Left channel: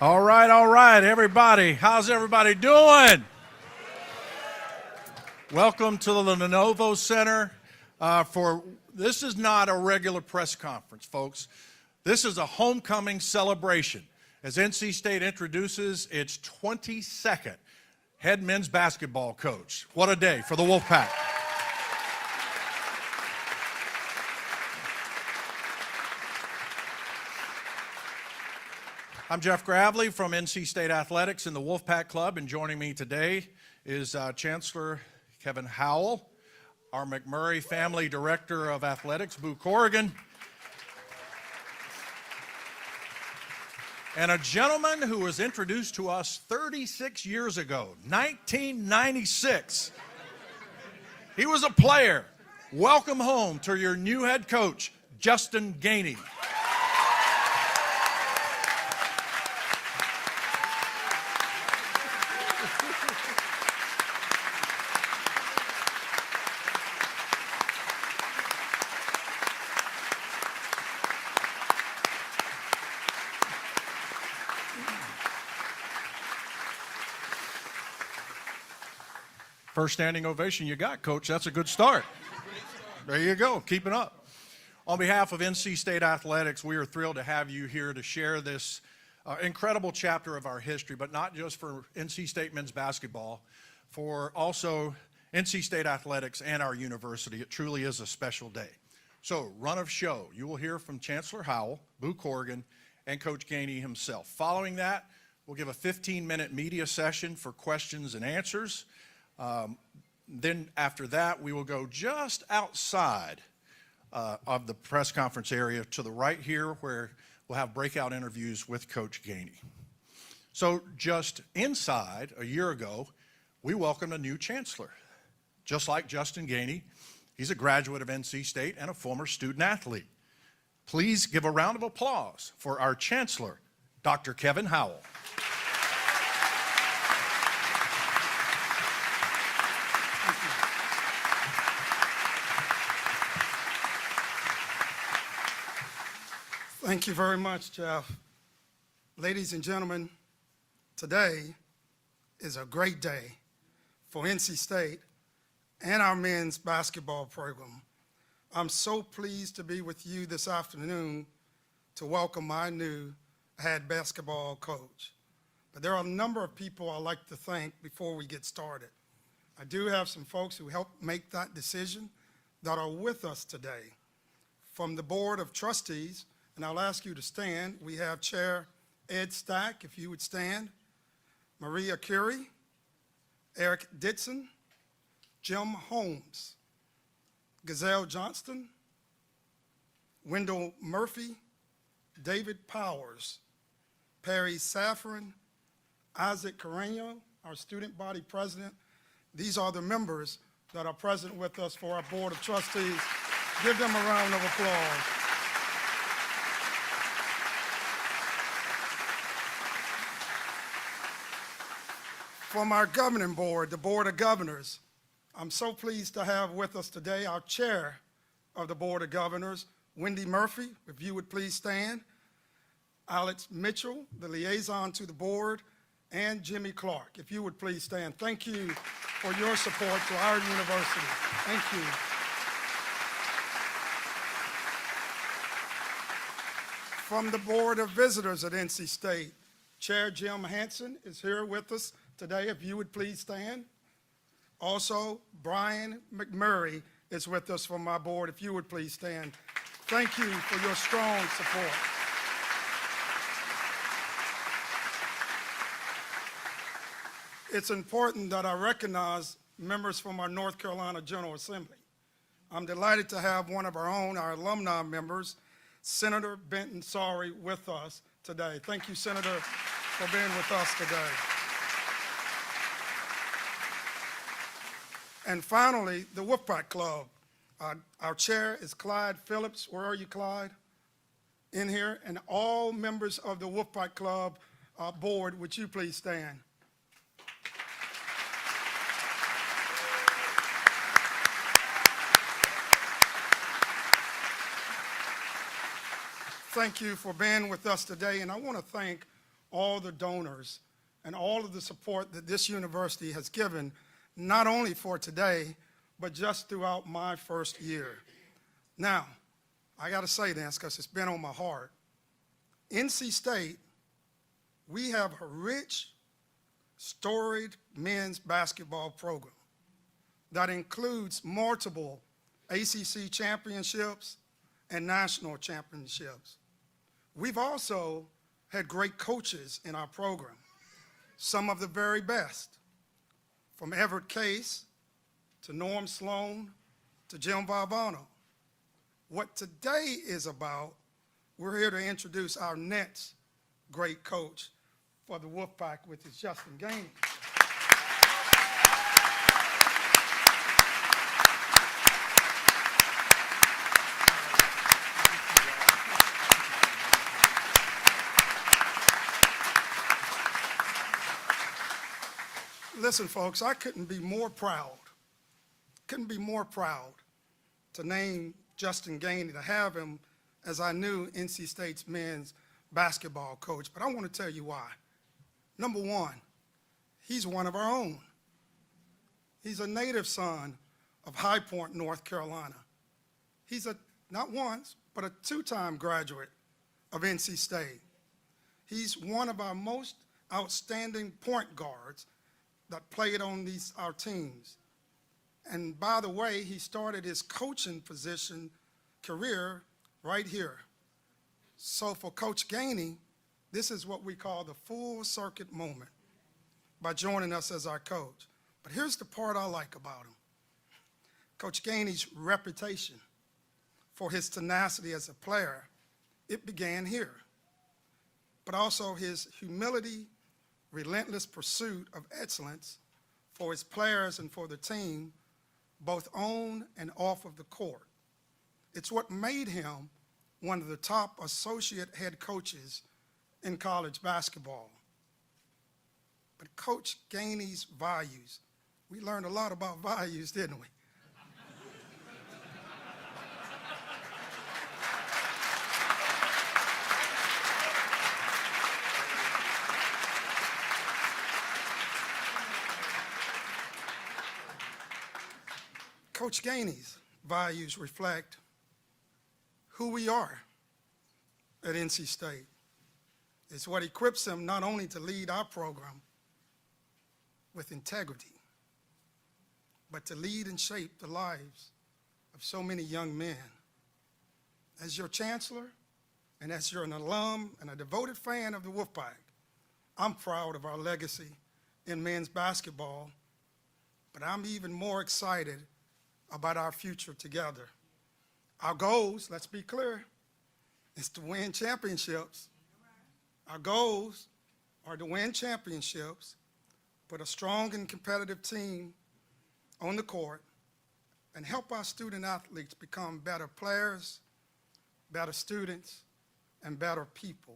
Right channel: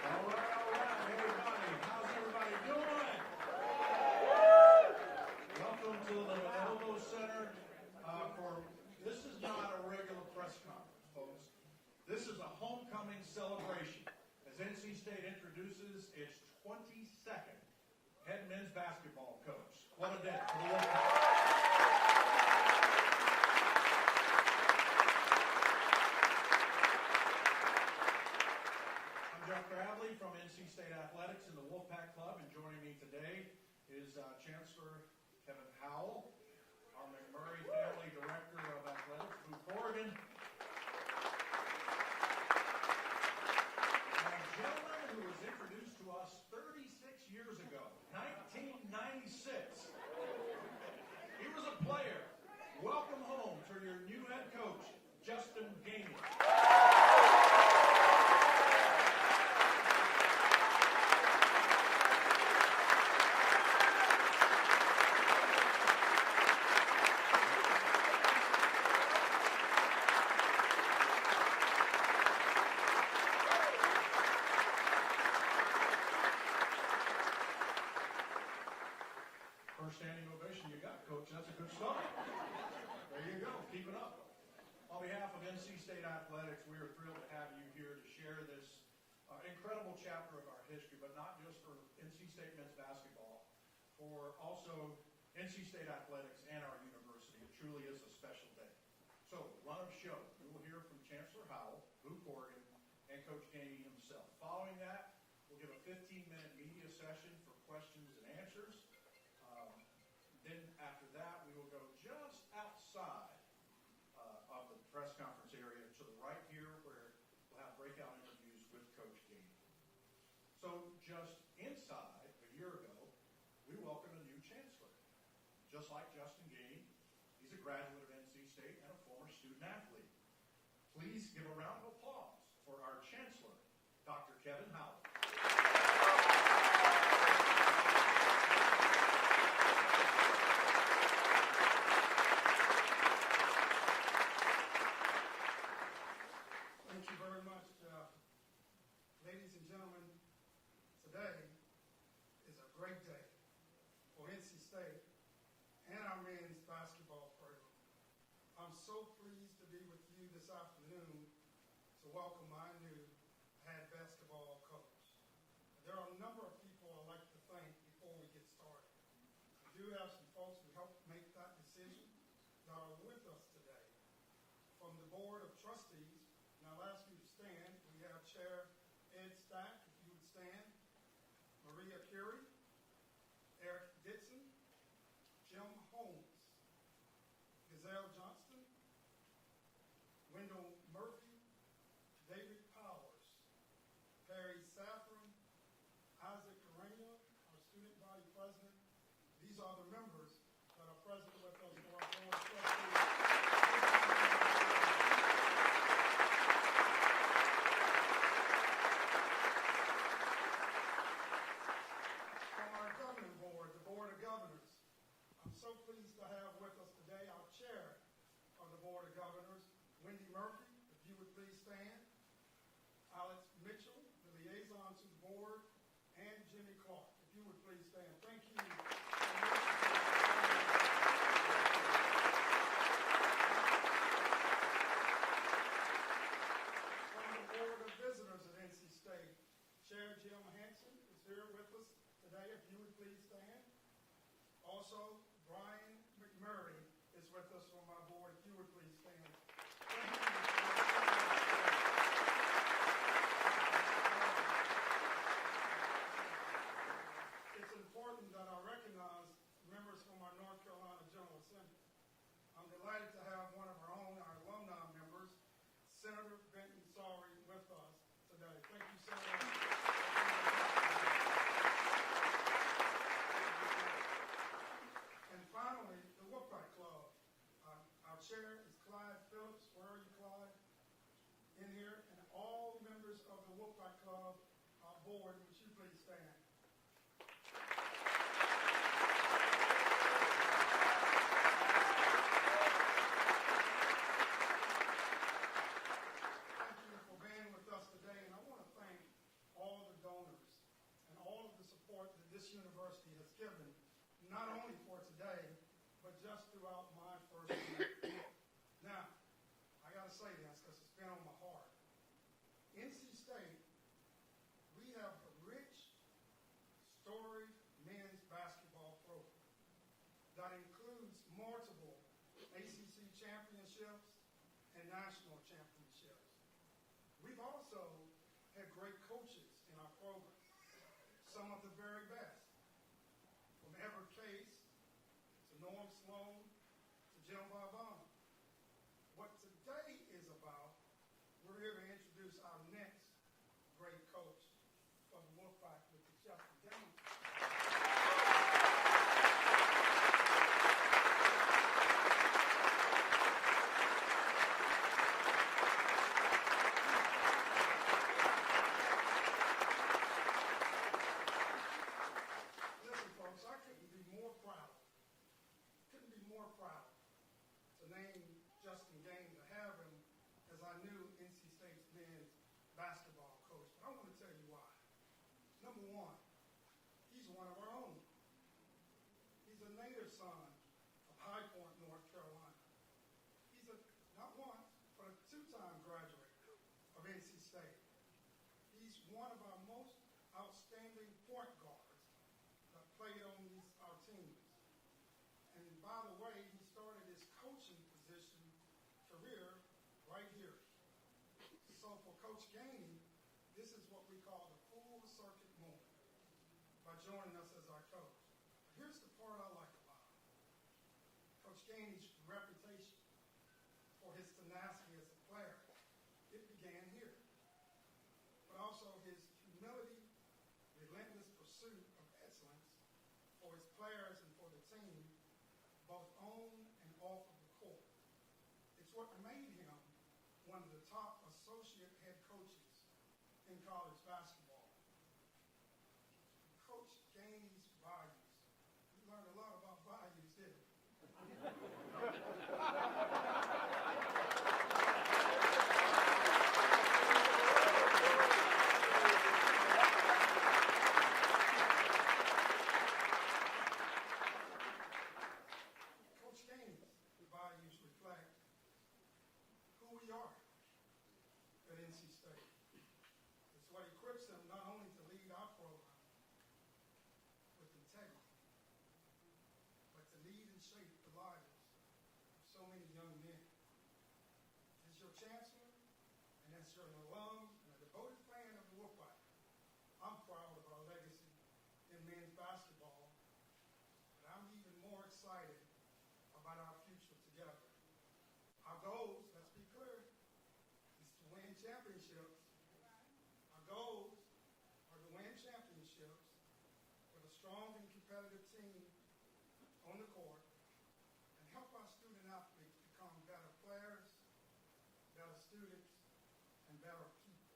All right, everybody. How's everybody doing? Welcome to the Lenovo Center. This is not a regular press conference, folks. This is a homecoming celebration as NC State introduces its 22nd head men's basketball coach. What a day for the Wolfpack. I'm Jeff Gravely from NC State Athletics in the Wolfpack Club, and joining me today is Chancellor Howell, our McMurray Family Director of Athletics, Boo Corrigan, and a gentleman who was introduced to us 36 years ago, 1996. He was a player. Welcome home to your new head coach, Justin Gainey. First standing ovation you got, Coach. That's a good start. There you go. Keep it up. On behalf of NC State Athletics, we are thrilled to have you here to share this incredible chapter of our history, but not just for NC State men's basketball, for also NC State Athletics and our university. It truly is a special day. So, run of show. You will hear from Chancellor Howell, Boo Corrigan, and Coach Gainey himself. Following that, we'll give a 15-minute media session for questions and answers. Then after that, we will go just outside of the press conference area to the right here where we'll have breakout interviews with Coach Gainey. So just inside, a year ago, we welcomed a new chancellor. Just like Justin Gainey, he's a graduate of NC State and a former student athlete. Please give a round of applause for our chancellor, Dr. Kevin Howell. Thank you very much, Jeff. Ladies and gentlemen, today is a great day for NC State and our men's basketball program. I'm so pleased to be with you this afternoon to welcome my new head basketball coach. But there are a number of people I'd like to thank before we get started. I do have some folks who helped make that decision that are with us today. From the Board of Trustees, and I'll ask you to stand. We have Chair Ed Stack, if you would stand, Maria Curie, Eric Ditson, Jim Holmes, Gazelle Johnston, Wendell Murphy, David Powers, Perry Safran, Isaac Carreño, our student body president. These are the members that are present with us for our Board of Trustees. Give them a round of applause. From our governing board, the Board of Governors, I'm so pleased to have with us today our chair of the Board of Governors, Wendy Murphy, if you would please stand, Alex Mitchell, the liaison to the board, and Jimmy Clark, if you would please stand. Thank you for your support for our university. Thank you. From the Board of Visitors at NC State, Chair Jim Hanson is here with us today, if you would please stand. Also, Brian McMurray is with us from my board, if you would please stand. Thank you for your strong support. It's important that I recognize members from our North Carolina General Assembly. I'm delighted to have one of our own, our alumni members, Senator Benton Sorry, with us today. Thank you, Senator, for being with us today. And finally, the Wolfpack Club. Our chair is Clyde Phillips. Where are you, Clyde? In here. And all members of the Wolfpack Club board, would you please stand? Thank you for being with us today. And I want to thank all the donors and all of the support that this university has given, not only for today, but just throughout my first year. Now, I got to say this because it's been on my heart. NC State, we have a rich, storied men's basketball program that includes multiple ACC championships and national championships. We've also had great coaches in our program, some of the very best, from Everett Case to Norm Sloan to Jim Valvano. What today is about, we're here to introduce our next great coach for the Wolfpack, which is Justin Gainey. Listen, folks, I couldn't be more proud to name Justin Gainey, to have him as our new NC State's men's basketball coach. But I want to tell you why. Number one, he's one of our own. He's a native son of High Point, North Carolina. He's not once, but a two-time graduate of NC State. He's one of our most outstanding point guards that played on our teams. And by the way, he started his coaching position career right here. So for Coach Gainey, this is what we call the full circuit moment by joining us as our coach. But here's the part I like about him. Coach Gainey's reputation for his tenacity as a player, it began here. But also his humility, relentless pursuit of excellence for his players and for the team, both on and off of the court. It's what made him one of the top associate head coaches in college basketball. But Coach Gainey's values, we learned a lot about values, didn't we? Coach Gainey's values reflect who we are at NC State. It's what equips him not only to lead our program with integrity, but to lead and shape the lives of so many young men. As your chancellor, and as you're an alum and a devoted fan of the Wolfpack, I'm proud of our legacy in men's basketball, but I'm even more excited about our future together. Our goals, let's be clear, is to win championships. Our goals are to win championships, put a strong and competitive team on the court, and help our student athletes become better players, better students, and better people.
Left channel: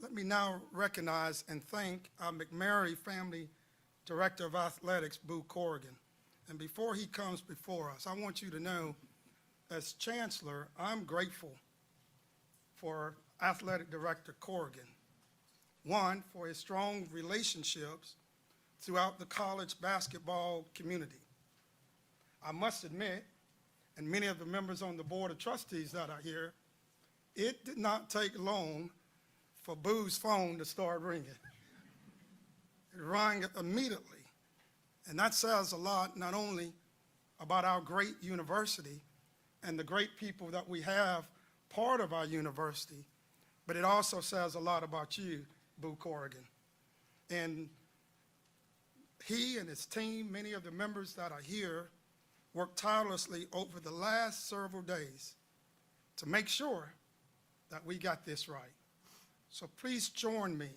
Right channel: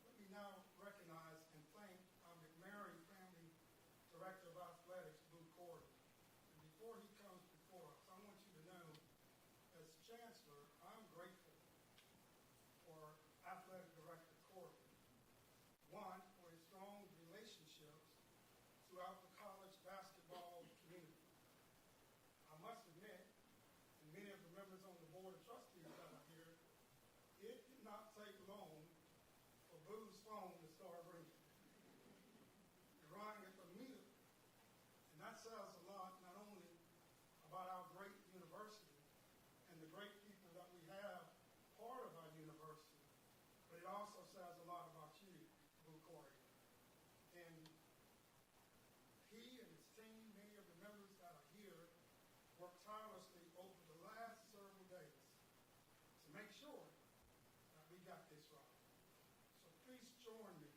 Let me now recognize and thank our McMurray Family Director of Athletics, Boo Corrigan. And before he comes before us, I want you to know, as Chancellor, I'm grateful for Athletic Director Corrigan. One, for his strong relationships throughout the college basketball community. I must admit, and many of the members on the Board of Trustees that are here, it did not take long for Boo's phone to start ringing. It rang immediately. And that says a lot, not only about our great university and the great people that we have part of our university, but it also says a lot about you, Boo Corrigan. And he and his team, many of the members that are here, worked tirelessly over the last several days to make sure that we got this right. So please join me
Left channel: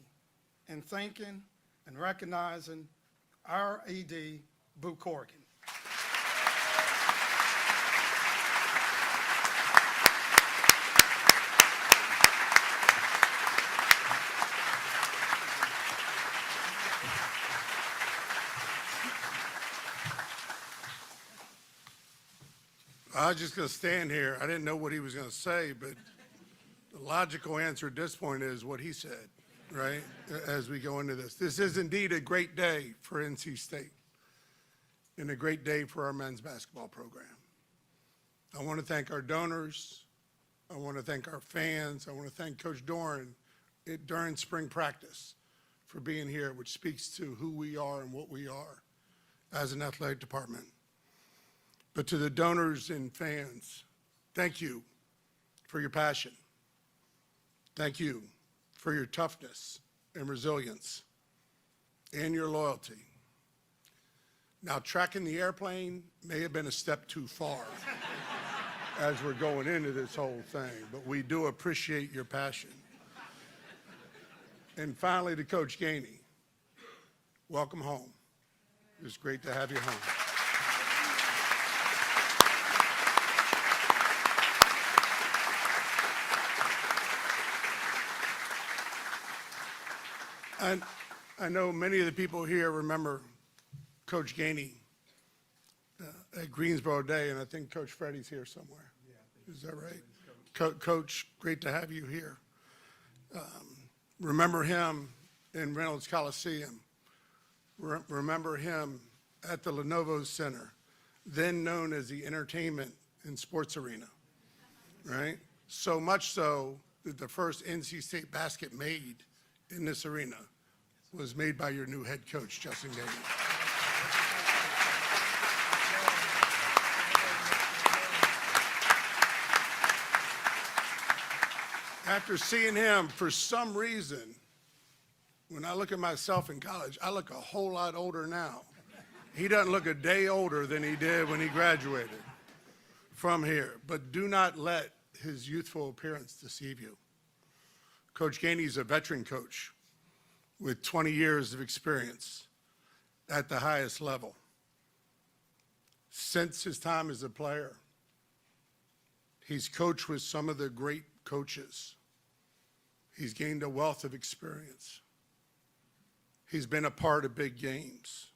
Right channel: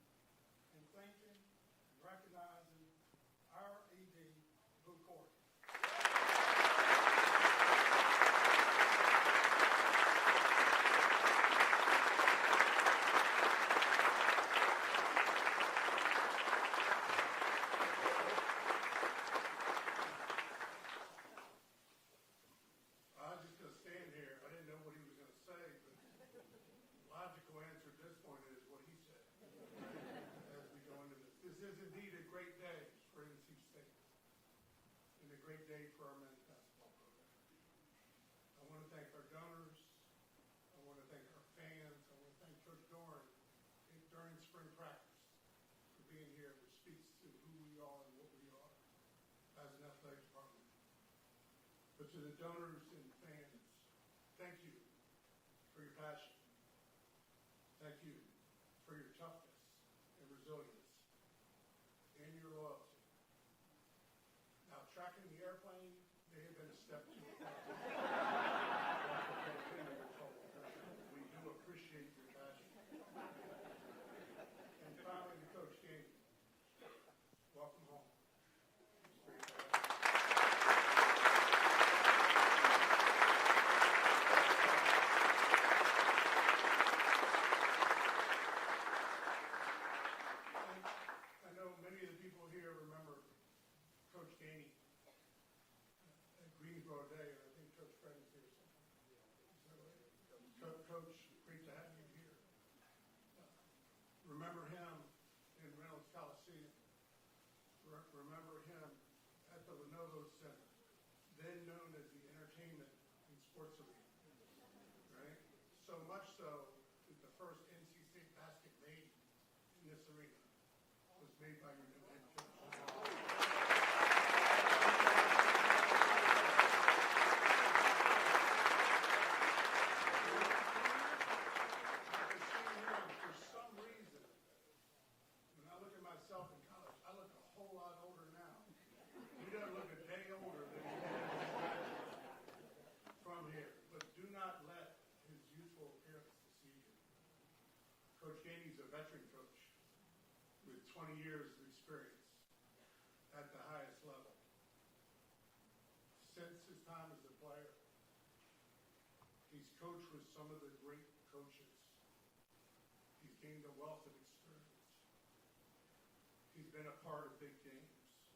in thanking and recognizing our AD, Boo Corrigan. I was just going to stand here. I didn't know what he was going to say, but the logical answer at this point is what he said. right, as we go into this. This is indeed a great day for NC State and a great day for our men's basketball program. I want to thank our donors. I want to thank our fans. I want to thank Coach Doran during spring practice for being here, which speaks to who we are and what we are as an athletic department. But to the donors and fans, thank you for your passion. Thank you for your toughness and resilience and your loyalty. Now, tracking the airplane may have been a step too far as we're going into this whole thing, but we do appreciate your passion. And finally, to Coach Gainey, welcome home. It's great to have you home. I know many of the people here remember Coach Gainey at Greensboro Day, and I think Coach Freddie's here somewhere. Yeah, is that right? Coach, great to have you here. Remember him in Reynolds Coliseum. Remember him at the Lenovo Center, then known as the Entertainment and Sports Arena, right? So much so that the first NC State basket made in this arena was made by your new head coach, Justin Gainey. After seeing him, for some reason, when I look at myself in college, I look a whole lot older now. He doesn't look a day older than he did when he graduated from here. But do not let his youthful appearance deceive you. Coach Gainey is a veteran coach with 20 years of experience at the highest level. Since his time as a player, he's coached with some of the great coaches. He's gained a wealth of experience. He's been a part of big games.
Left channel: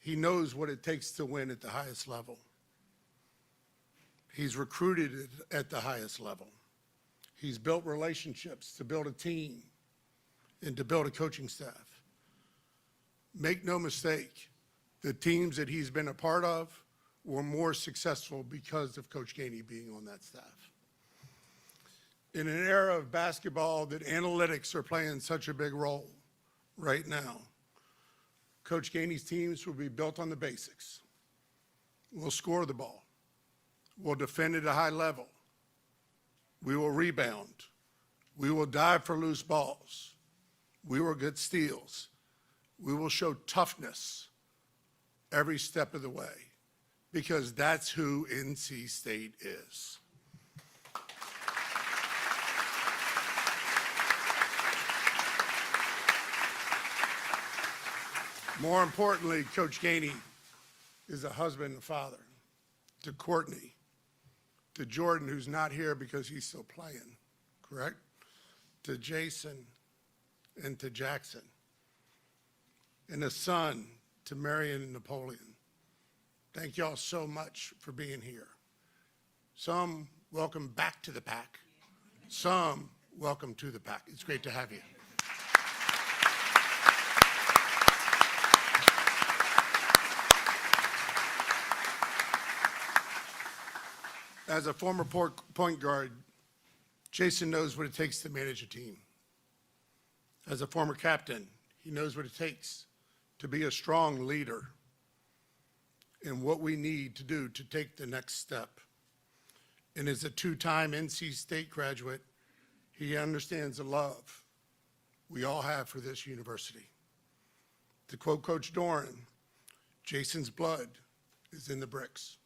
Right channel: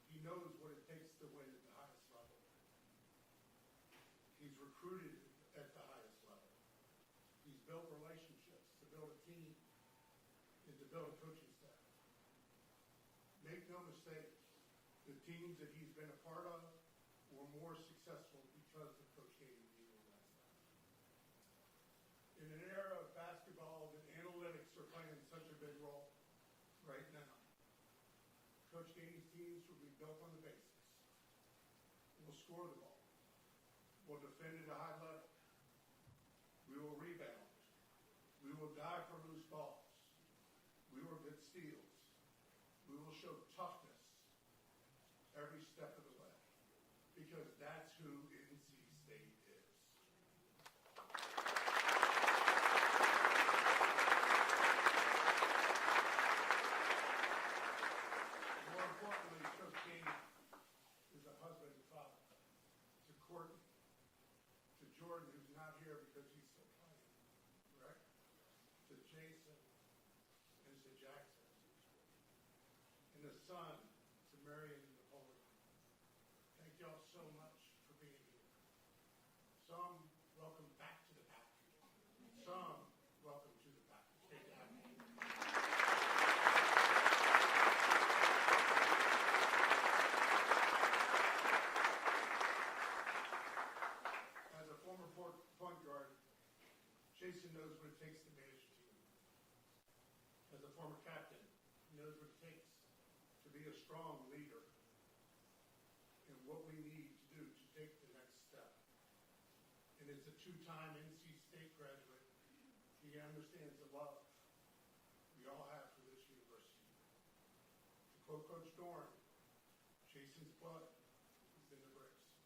He knows what it takes to win at the highest level. He's recruited at the highest level. He's built relationships to build a team and to build a coaching staff. Make no mistake, the teams that he's been a part of were more successful because of Coach Gainey being on that staff. In an era of basketball that analytics are playing such a big role right now, Coach Gainey's teams will be built on the basics. We'll score the ball. We'll defend at a high level. We will rebound. We will dive for loose balls. We will get steals. We will show toughness every step of the way because that's who NC State is. More importantly, Coach Gainey is a husband and father to Courtney, to Jordan, who's not here because he's still playing, correct? To Jason and to Jackson, and a son to Marion and Napoleon. Thank y'all so much for being here. Some welcome back to the pack. Some welcome to the pack. It's great to have you. As a former point guard, Jason knows what it takes to manage a team. As a former captain, he knows what it takes to be a strong leader and what we need to do to take the next step. And as a two-time NC State graduate, he understands the love we all have for this university. To quote Coach Doran, Jason's blood is in the bricks.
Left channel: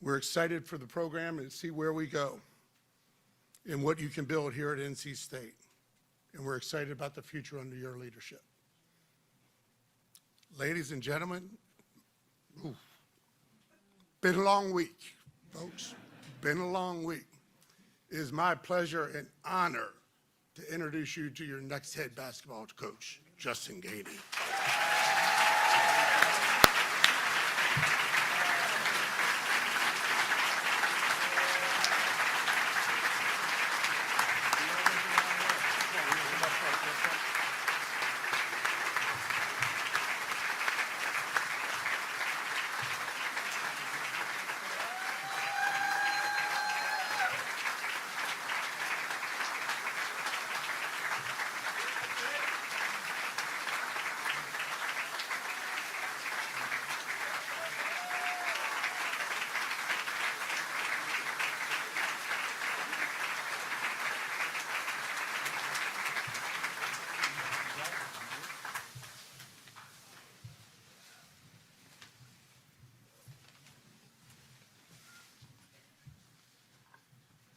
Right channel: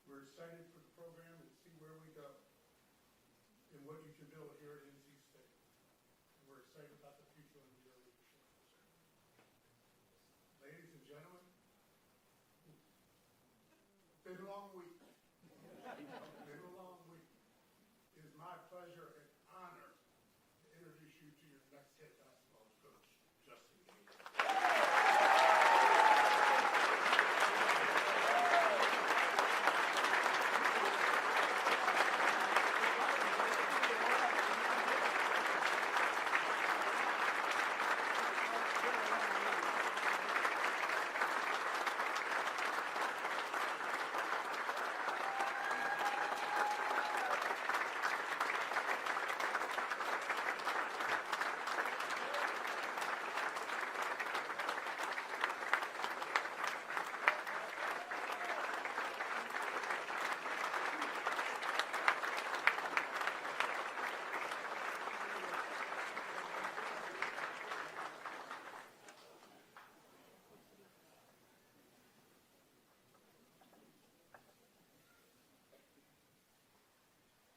We're excited for the program and see where we go and what you can build here at NC State. And we're excited about the future under your leadership. Ladies and gentlemen, been a long week, folks. Been a long week. It is my pleasure and honor to introduce you to your next head basketball coach, Justin Gainey.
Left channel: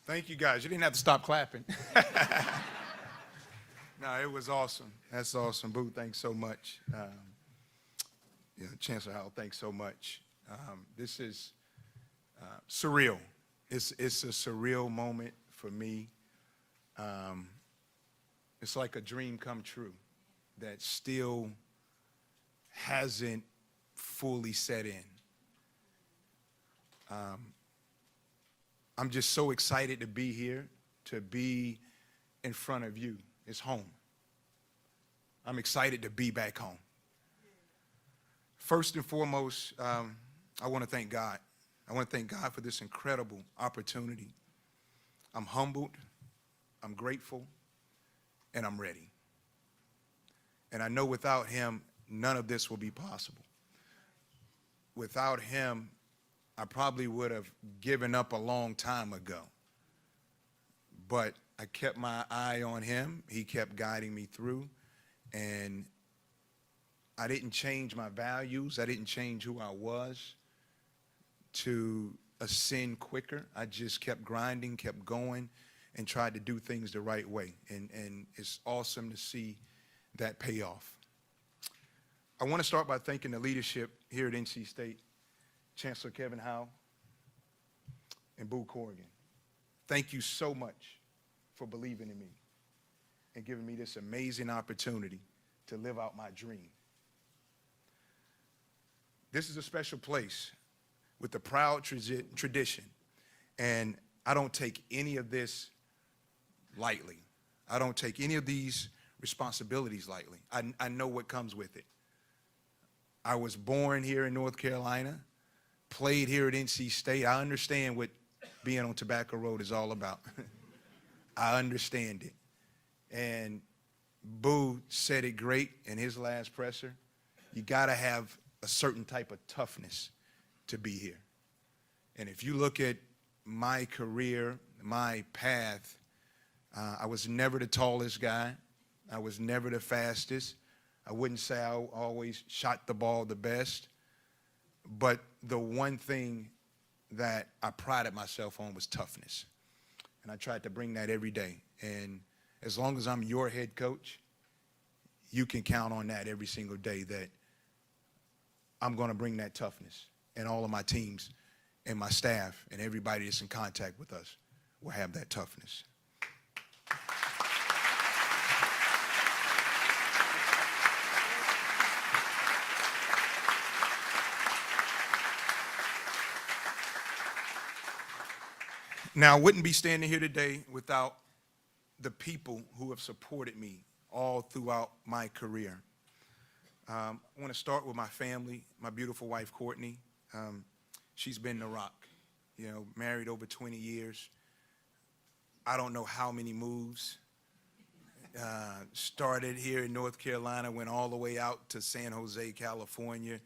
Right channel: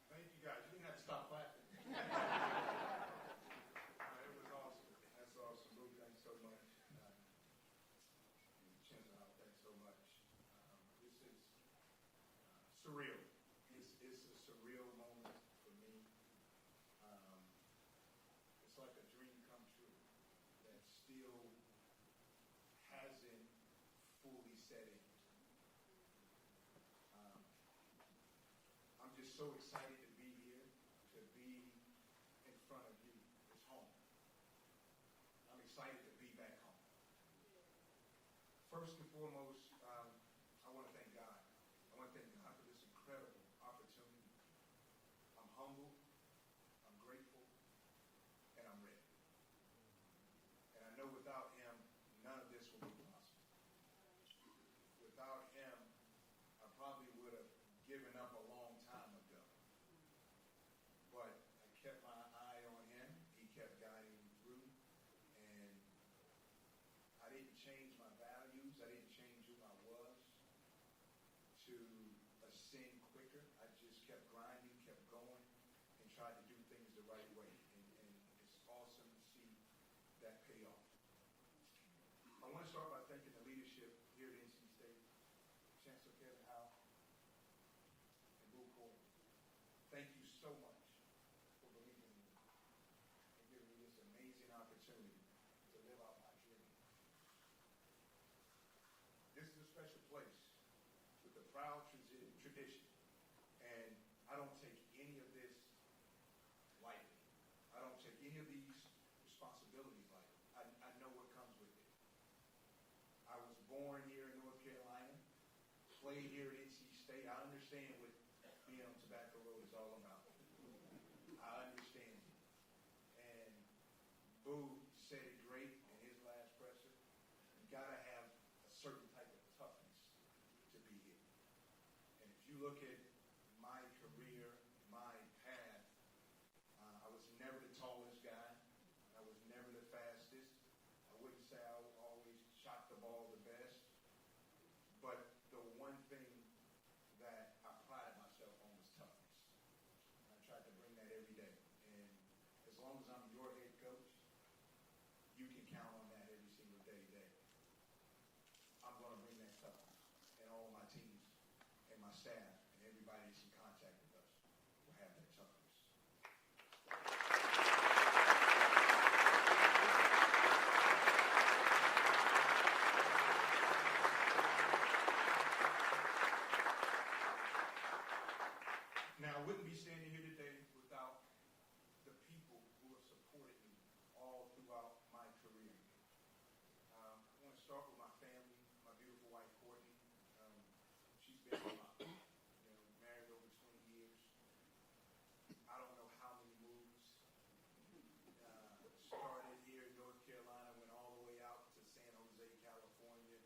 Thank you, guys. You didn't have to stop clapping. No, it was awesome. That's awesome. Boo, thanks so much. Chancellor Howell, thanks so much. This is surreal. It's a surreal moment for me. It's like a dream come true that still hasn't fully set in. I'm just so excited to be here, to be in front of you. It's home. I'm excited to be back home. First and foremost, I want to thank God. I want to thank God for this incredible opportunity. I'm humbled, I'm grateful, and I'm ready. And I know without him, none of this will be possible. Without him, I probably would have given up a long time ago. But I kept my eye on him. He kept guiding me through. And I didn't change my values. I didn't change who I was to ascend quicker. I just kept grinding, kept going, and tried to do things the right way. And it's awesome to see that pay off. I want to start by thanking the leadership here at NC State, Chancellor Kevin Howell and Boo Corrigan. Thank you so much for believing in me and giving me this amazing opportunity to live out my dream. This is a special place with a proud tradition, and I don't take any of this lightly. I don't take any of these responsibilities lightly. I know what comes with it. I was born here in North Carolina, played here at NC State. I understand what being on Tobacco Road is all about. I understand it. And Boo said it great in his last presser. You got to have a certain type of toughness to be here. And if you look at my career, my path, I was never the tallest guy. I was never the fastest. I wouldn't say I always shot the ball the best. But the one thing that I prided myself on was toughness. And I tried to bring that every day. And as long as I'm your head coach, you can count on that every single day, that I'm going to bring that toughness. And all of my teams and my staff and everybody that's in contact with us will have that toughness. Now, I wouldn't be standing here today without the people who have supported me all throughout my career. I want to start with my family, my beautiful wife, Courtney. She's been the rock, married over 20 years. I don't know how many moves. Started here in North Carolina, went all the way out to San Jose, California,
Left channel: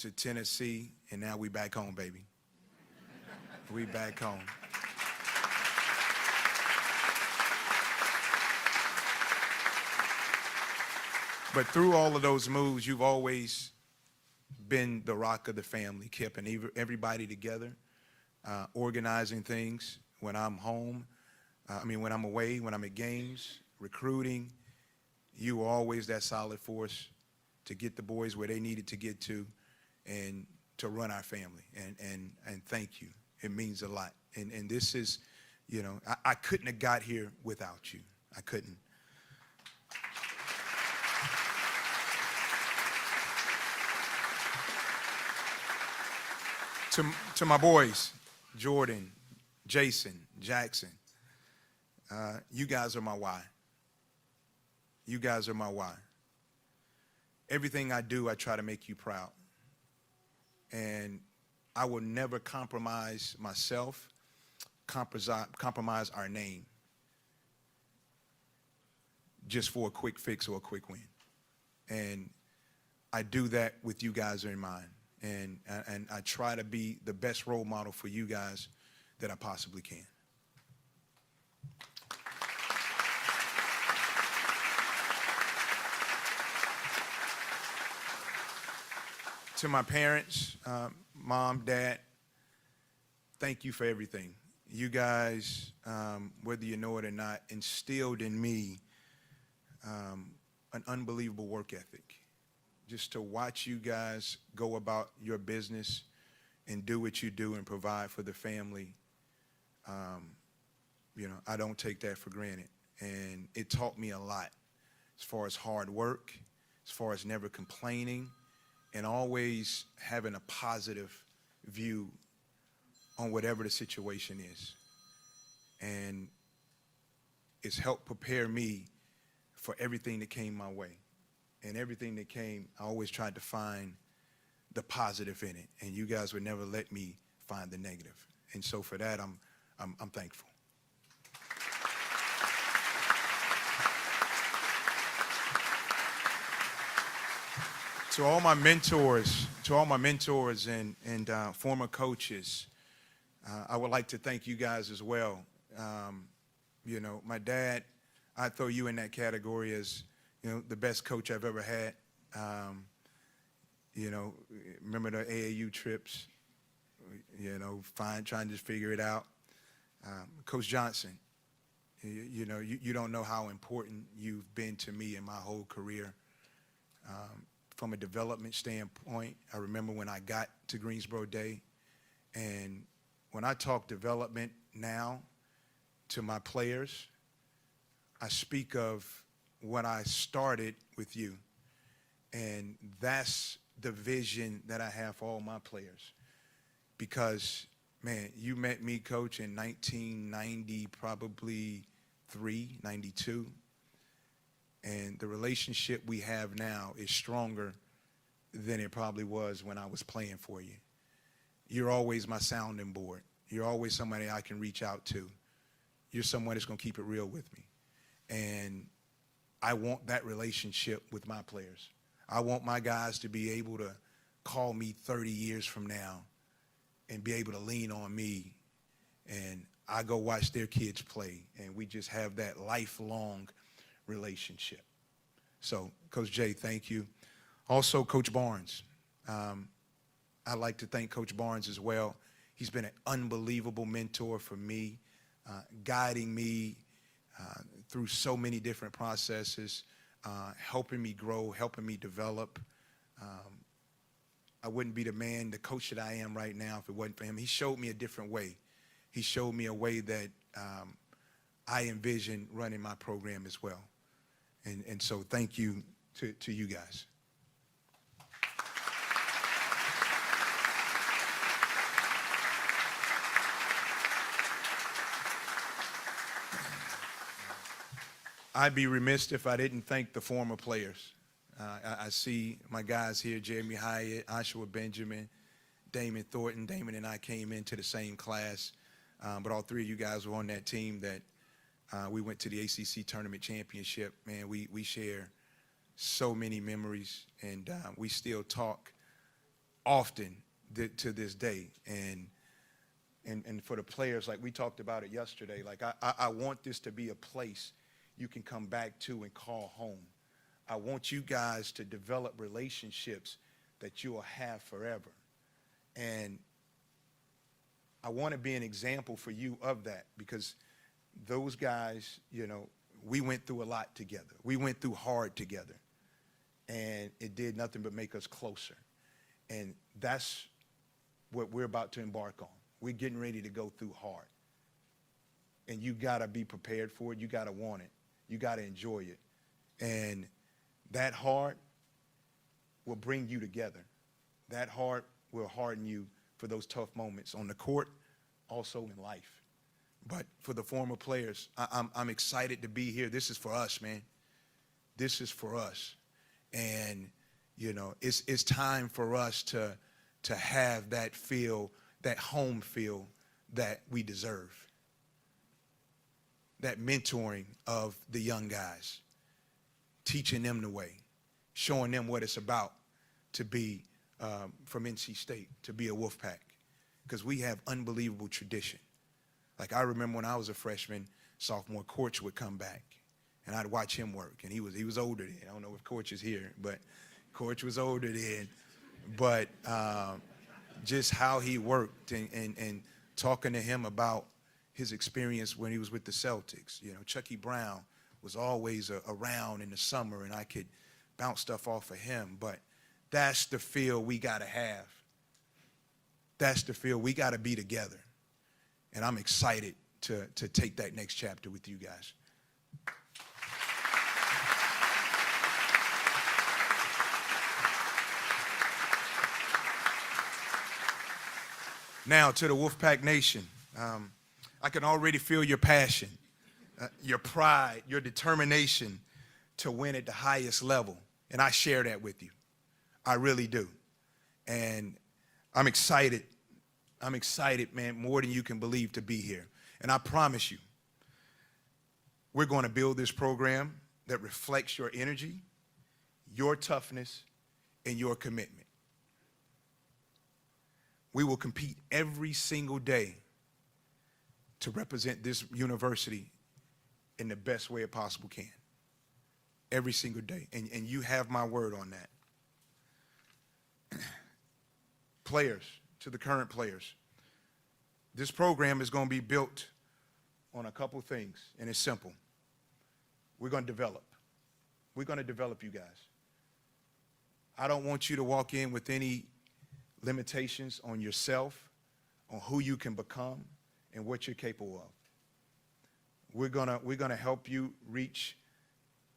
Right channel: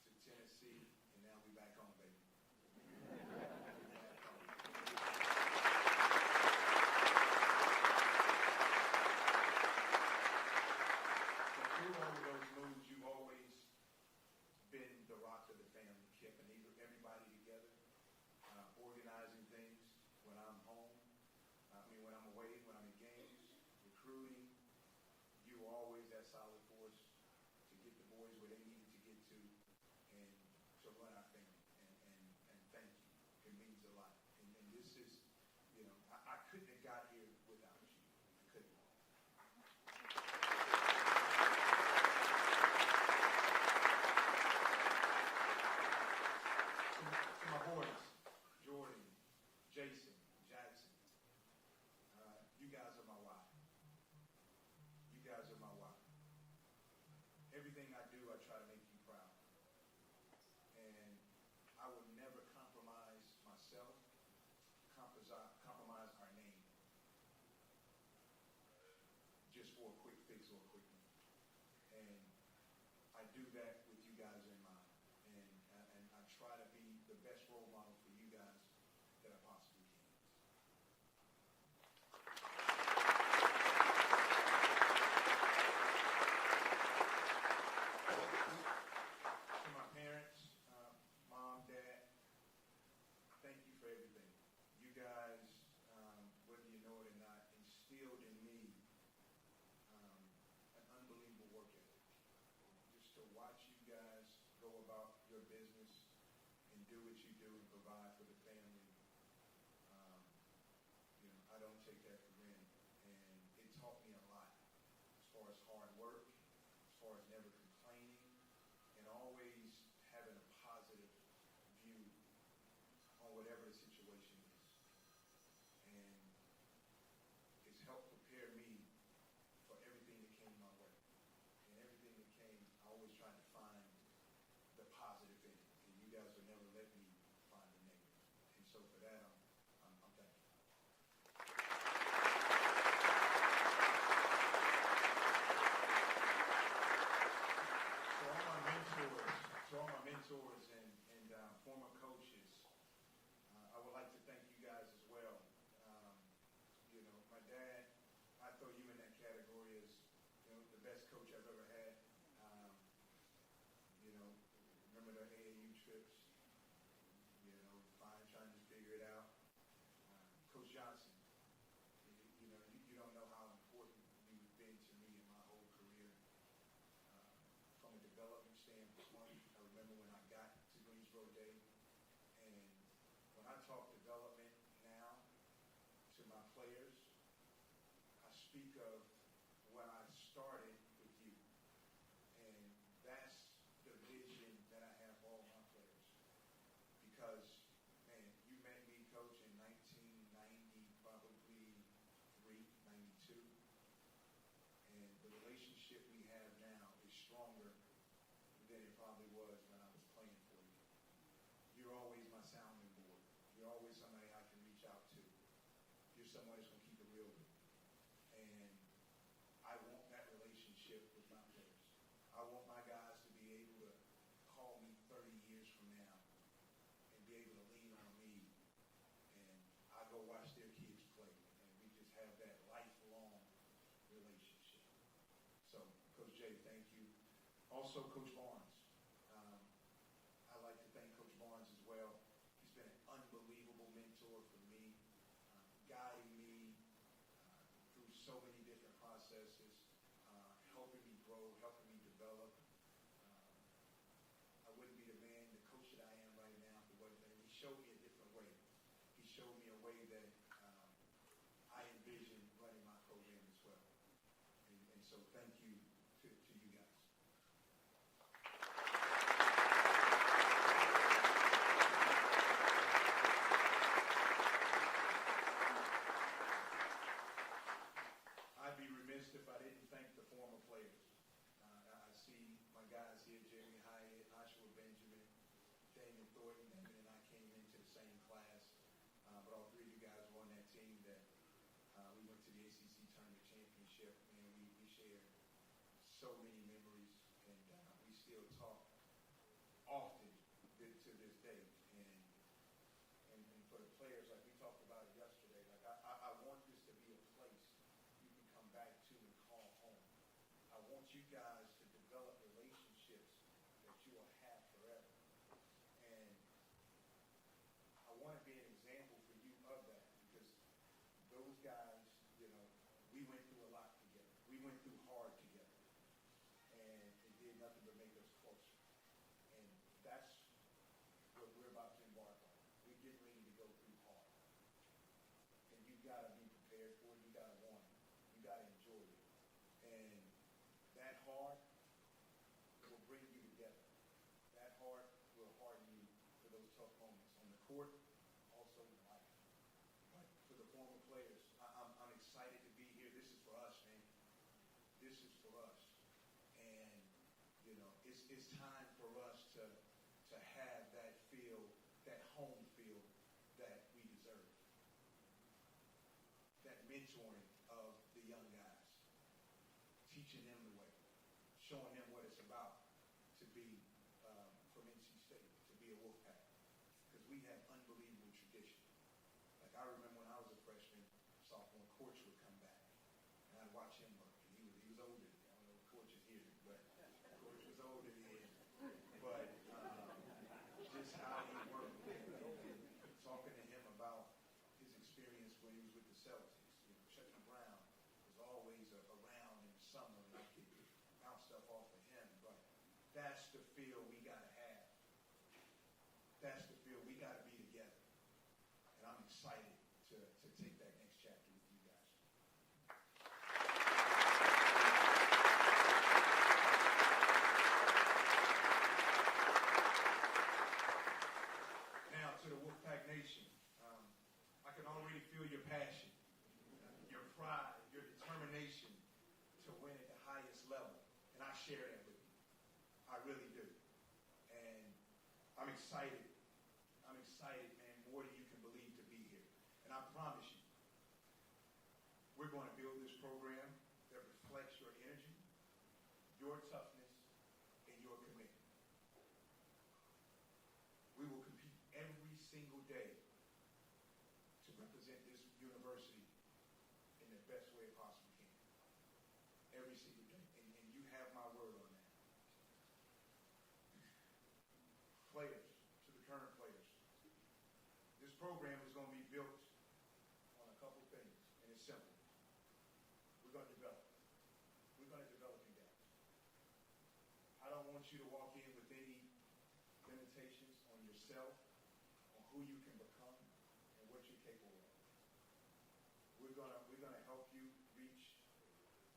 to Tennessee, and now we back home, baby. We back home. But through all of those moves, you've always been the rock of the family, keeping everybody together, organizing things when I'm home, when I'm away, when I'm at games, recruiting. You were always that solid force to get the boys where they needed to get to and to run our family. And thank you. It means a lot. And this is, I couldn't have got here without you. I couldn't. To my boys, Jordan, Jason, Jackson, you guys are my why. You guys are my why. Everything I do, I try to make you proud. And I will never compromise myself, compromise our name just for a quick fix or a quick win. And I do that with you guys in mind. And I try to be the best role model for you guys that I possibly can. To my parents, mom, dad, thank you for everything. you guys, whether you know it or not, instilled in me an unbelievable work ethic. Just to watch you guys go about your business and do what you do and provide for the family, you know, I don't take that for granted. And it taught me a lot as far as hard work, as far as never complaining, and always having a positive view on whatever the situation is. And it's helped prepare me for everything that came my way. And everything that came, I always tried to find the positive in it. And you guys would never let me find the negative. And so for that, I'm thankful. To all my mentors, and former coaches, I would like to thank you guys as well. You know, my dad, I throw you in that category as, you know, the best coach I've ever had. You know, remember the AAU trips, you know, trying to figure it out. Coach Johnson, you know, you don't know how important you've been to me in my whole career. From a development standpoint, I remember when I got to Greensboro Day, and when I talk development now to my players, I speak of when I started with you, and that's the vision that I have for all my players. Because, man, you met me, Coach, in 1990, probably 92. And the relationship we have now is stronger than it probably was when I was playing for you. You're always my sounding board. You're always somebody I can reach out to. You're someone that's going to keep it real with me. And I want that relationship with my players. I want my guys to be able to call me 30 years from now and be able to lean on me, and I go watch their kids play, and we just have that lifelong relationship. So, Coach Jay, thank you. Also, Coach Barnes. I'd like to thank Coach Barnes as well. He's been an unbelievable mentor for me, guiding me through so many different processes, helping me grow, helping me develop. I wouldn't be the coach that I am right now if it wasn't for him. He showed me a different way. He showed me a way that I envision running my program as well. And so thank you to you guys. I'd be remiss if I didn't thank the former players. I see my guys here, Jeremy Hyatt, Oshawa Benjamin, Damon Thornton. Damon and I came into the same class, but all three of you guys were on that team that we went to the ACC Tournament Championship. Man, we share so many memories, and we still talk often to this day. And for the players, like we talked about it yesterday, like I want this to be a place you can come back to and call home. I want you guys to develop relationships that you will have forever. And I want to be an example for you of that, because those guys, you know, we went through a lot together. We went through hard together, and it did nothing but make us closer. And that's what we're about to embark on. We're getting ready to go through hard. And you got to be prepared for it. You got to want it. You got to enjoy it. And that hard will bring you together. That hard will harden you for those tough moments on the court, also in life. But for the former players, I'm excited to be here. This is for us, man. This is for us. And, you know, it's time for us to have that feel, that home feel that we deserve. That mentoring of the young guys, teaching them the way, showing them what it's about to be from NC State, to be a Wolfpack, because we have unbelievable tradition. Like I remember when I was a freshman, sophomore, Coach would come back, and I'd watch him work, and he was older then. I don't know if Coach is here, but Coach was older then. But just how he worked and talking to him about, his experience when he was with the Celtics. You know, Chucky Brown was always around in the summer, and I could bounce stuff off of him. But that's the feel we got to have. That's the feel we got to be together. And I'm excited to take that next chapter with you guys. Now to the Wolfpack Nation. I can already feel your passion, your pride, your determination to win at the highest level. And I share that with you. I really do. And I'm excited. I'm excited, man, more than you can believe to be here. And I promise you, we're going to build this program that reflects your energy, your toughness, and your commitment. We will compete every single day to represent this university in the best way it possible can. Every single day. And you have my word on that. Players, to the current players, this program is going to be built on a couple things, and it's simple. We're going to develop. We're going to develop you guys. I don't want you to walk in with any limitations on yourself, on who you can become, and what you're capable of. We're gonna help you reach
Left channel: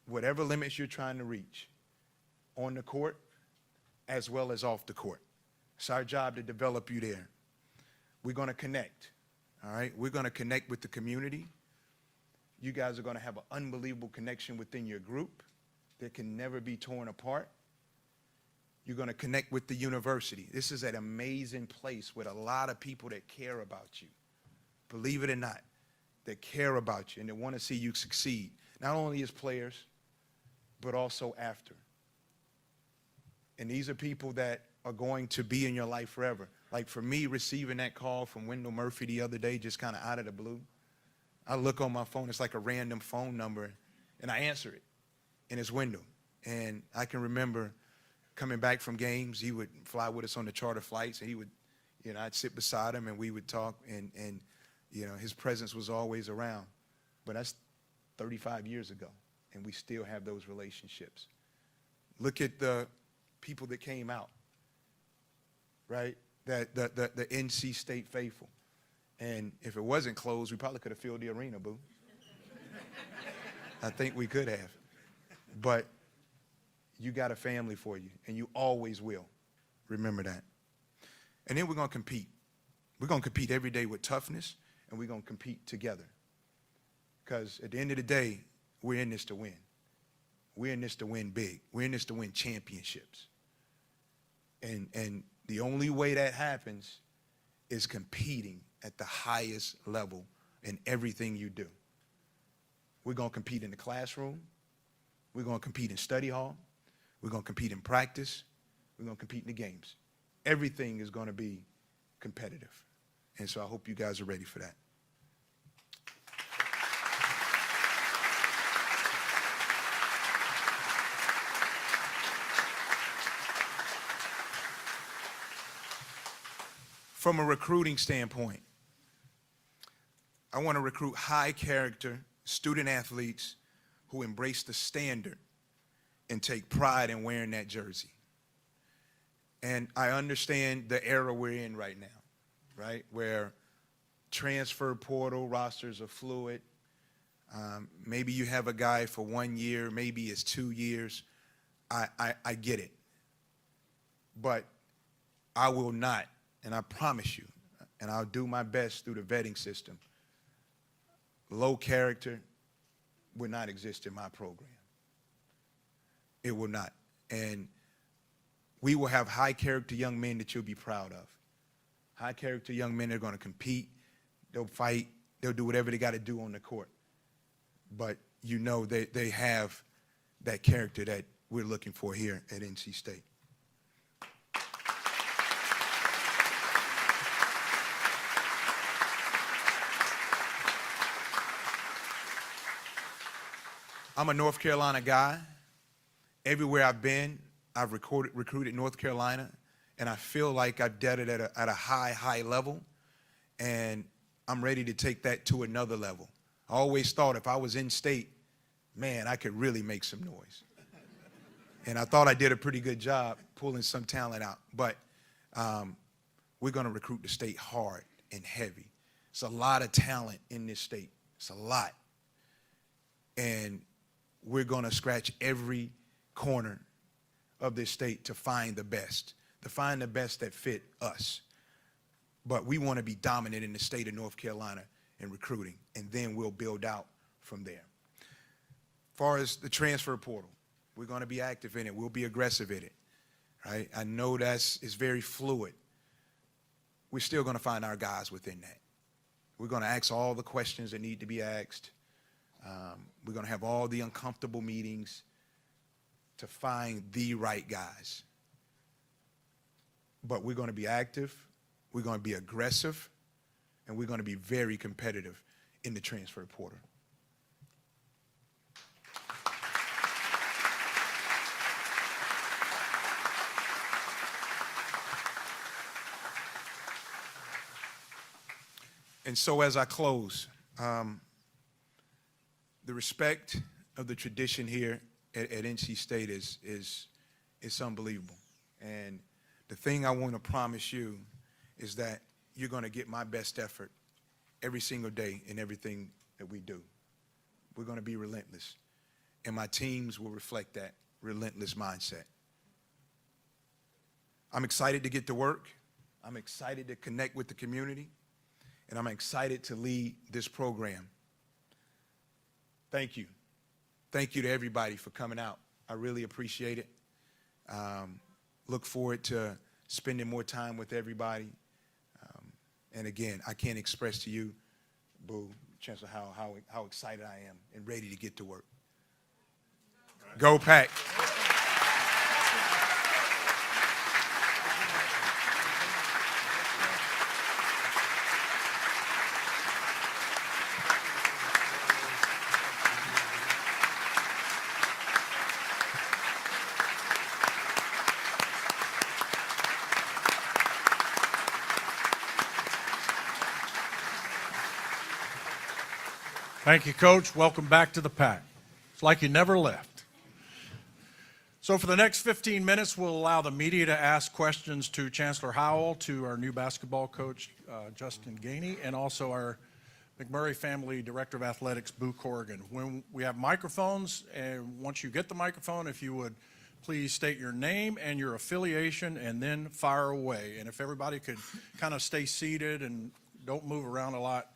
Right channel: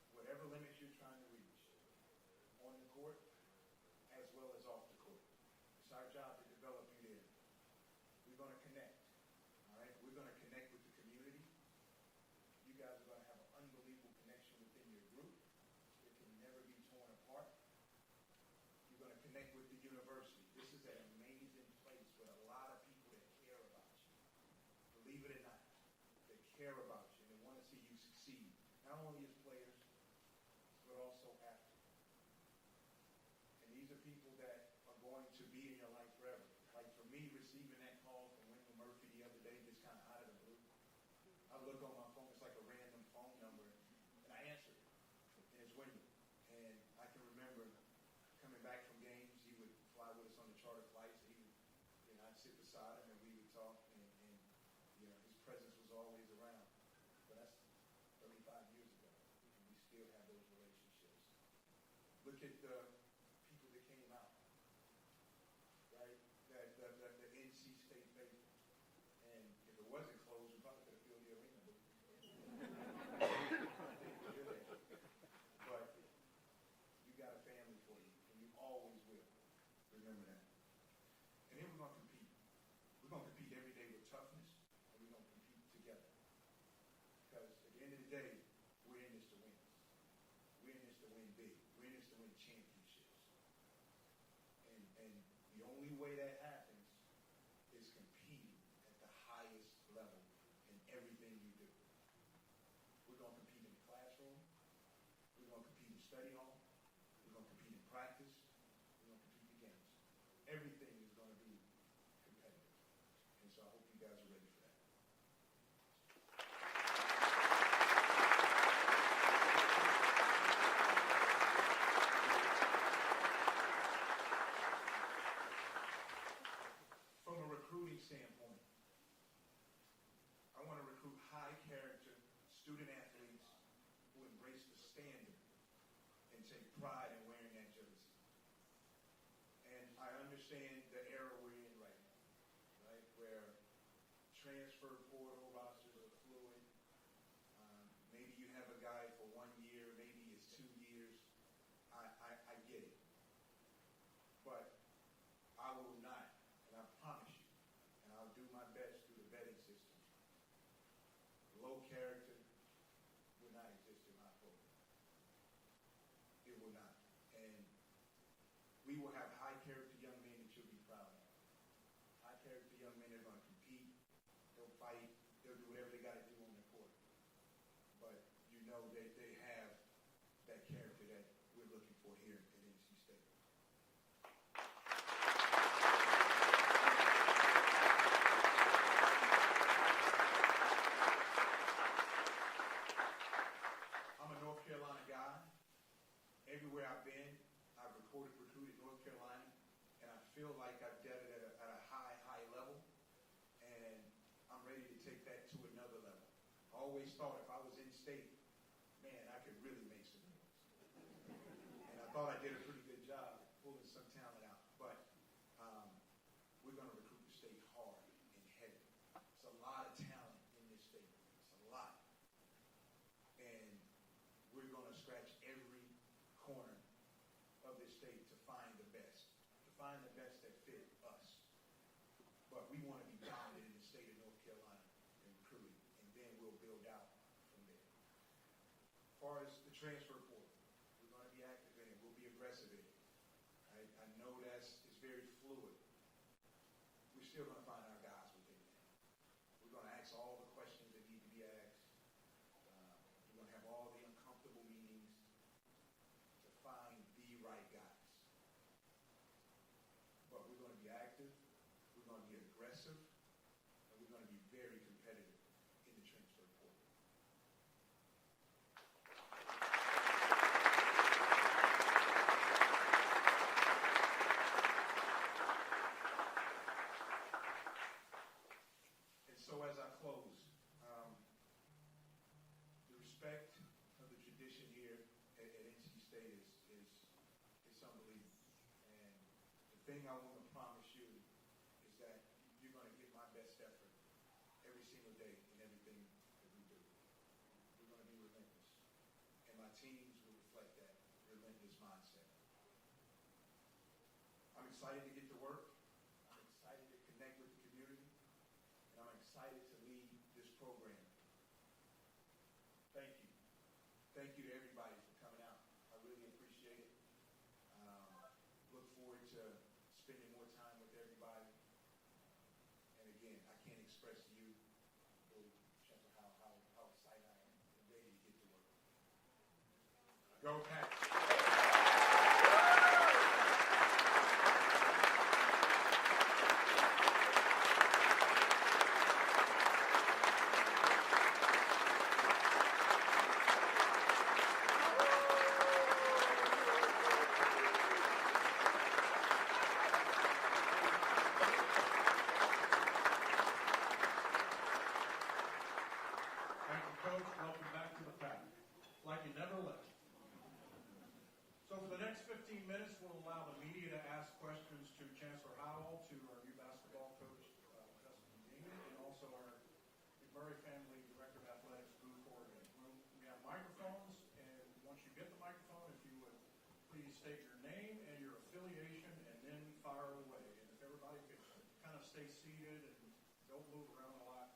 whatever limits you're trying to reach on the court as well as off the court. It's our job to develop you there. We're gonna connect, all right? We're gonna connect with the community. You guys are gonna have an unbelievable connection within your group that can never be torn apart. You're going to connect with the university. This is an amazing place with a lot of people that care about you. Believe it or not, that care about you and that want to see you succeed, not only as players, but also after. And these are people that are going to be in your life forever. Like for me, receiving that call from Wendell Murphy the other day, just kind of out of the blue, I look on my phone, it's like a random phone number, and I answer it, and it's Wendell. And I can remember coming back from games, he would fly with us on the charter flights, and he would, you know, I'd sit beside him and we would talk, and you know, his presence was always around. But that's 35 years ago, and we still have those relationships. Look at the people that came out, right? The NC State faithful. And if it wasn't closed, we probably could have filled the arena, boo. I think we could have. But you got a family for you, and you always will. Remember that. And then we're going to compete. We're going to compete every day with toughness, and we're going to compete together. Because at the end of the day, we're in this to win. We're in this to win big. We're in this to win championships. And the only way that happens is competing at the highest level in everything you do. We're going to compete in the classroom. We're going to compete in study hall. We're going to compete in practice. We're going to compete in the games. Everything is going to be competitive. And so I hope you guys are ready for that. From a recruiting standpoint, I want to recruit high character student athletes who embrace the standard and take pride in wearing that jersey. And I understand the era we're in right now, right? Where transfer portal rosters are fluid. Maybe you have a guy for 1 year, maybe it's 2 years. I get it. But I will not, and I promise you, and I'll do my best through the vetting system, low character will not exist in my program. It will not. And we will have high character young men that you'll be proud of. High character young men that are going to compete, they'll fight, they'll do whatever they got to do on the court. But you know they have that character that we're looking for here at NC State. I'm a North Carolina guy. Everywhere I've been, I've recruited North Carolina, and I feel like I've done it at a high level. And I'm ready to take that to another level. I always thought if I was in state, man, I could really make some noise. And I thought I did a pretty good job pulling some talent out. But we're going to recruit the state hard and heavy. It's a lot of talent in this state. It's a lot. And we're going to scratch every corner of this state to find the best that fit us. But we want to be dominant in the state of North Carolina in recruiting, and then we'll build out from there. As far as the transfer portal, we're going to be active in it. We'll be aggressive in it, right? I know it's very fluid. We're still going to find our guys within that. We're going to ask all the questions that need to be asked. We're going to have all the uncomfortable meetings to find the right guys. But we're going to be active, we're going to be aggressive, and we're going to be very competitive in the transfer portal. And so as I close, the respect of the tradition here at NC State is unbelievable. And the thing I want to promise you is that you're going to get my best effort every single day in everything that we do. We're going to be relentless. And my teams will reflect that relentless mindset. I'm excited to get to work. I'm excited to connect with the community. And I'm excited to lead this program. Thank you. Thank you to everybody for coming out. I really appreciate it. Look forward to spending more time with everybody. And again, I can't express to you, Boo, Chancellor Howell, how excited I am and ready to get to work. Go Pack. Thank you, Coach. Welcome back to the Pack. It's like you never left. So for the next 15 minutes, we'll allow the media to ask questions to Chancellor Howell, to our new basketball coach, Justin Gainey, and also our McMurray family Director of Athletics, Boo Corrigan. When we have microphones, and once you get the microphone, if you would please state your name and your affiliation and then fire away. And if everybody could kind of stay seated and don't move around a lot,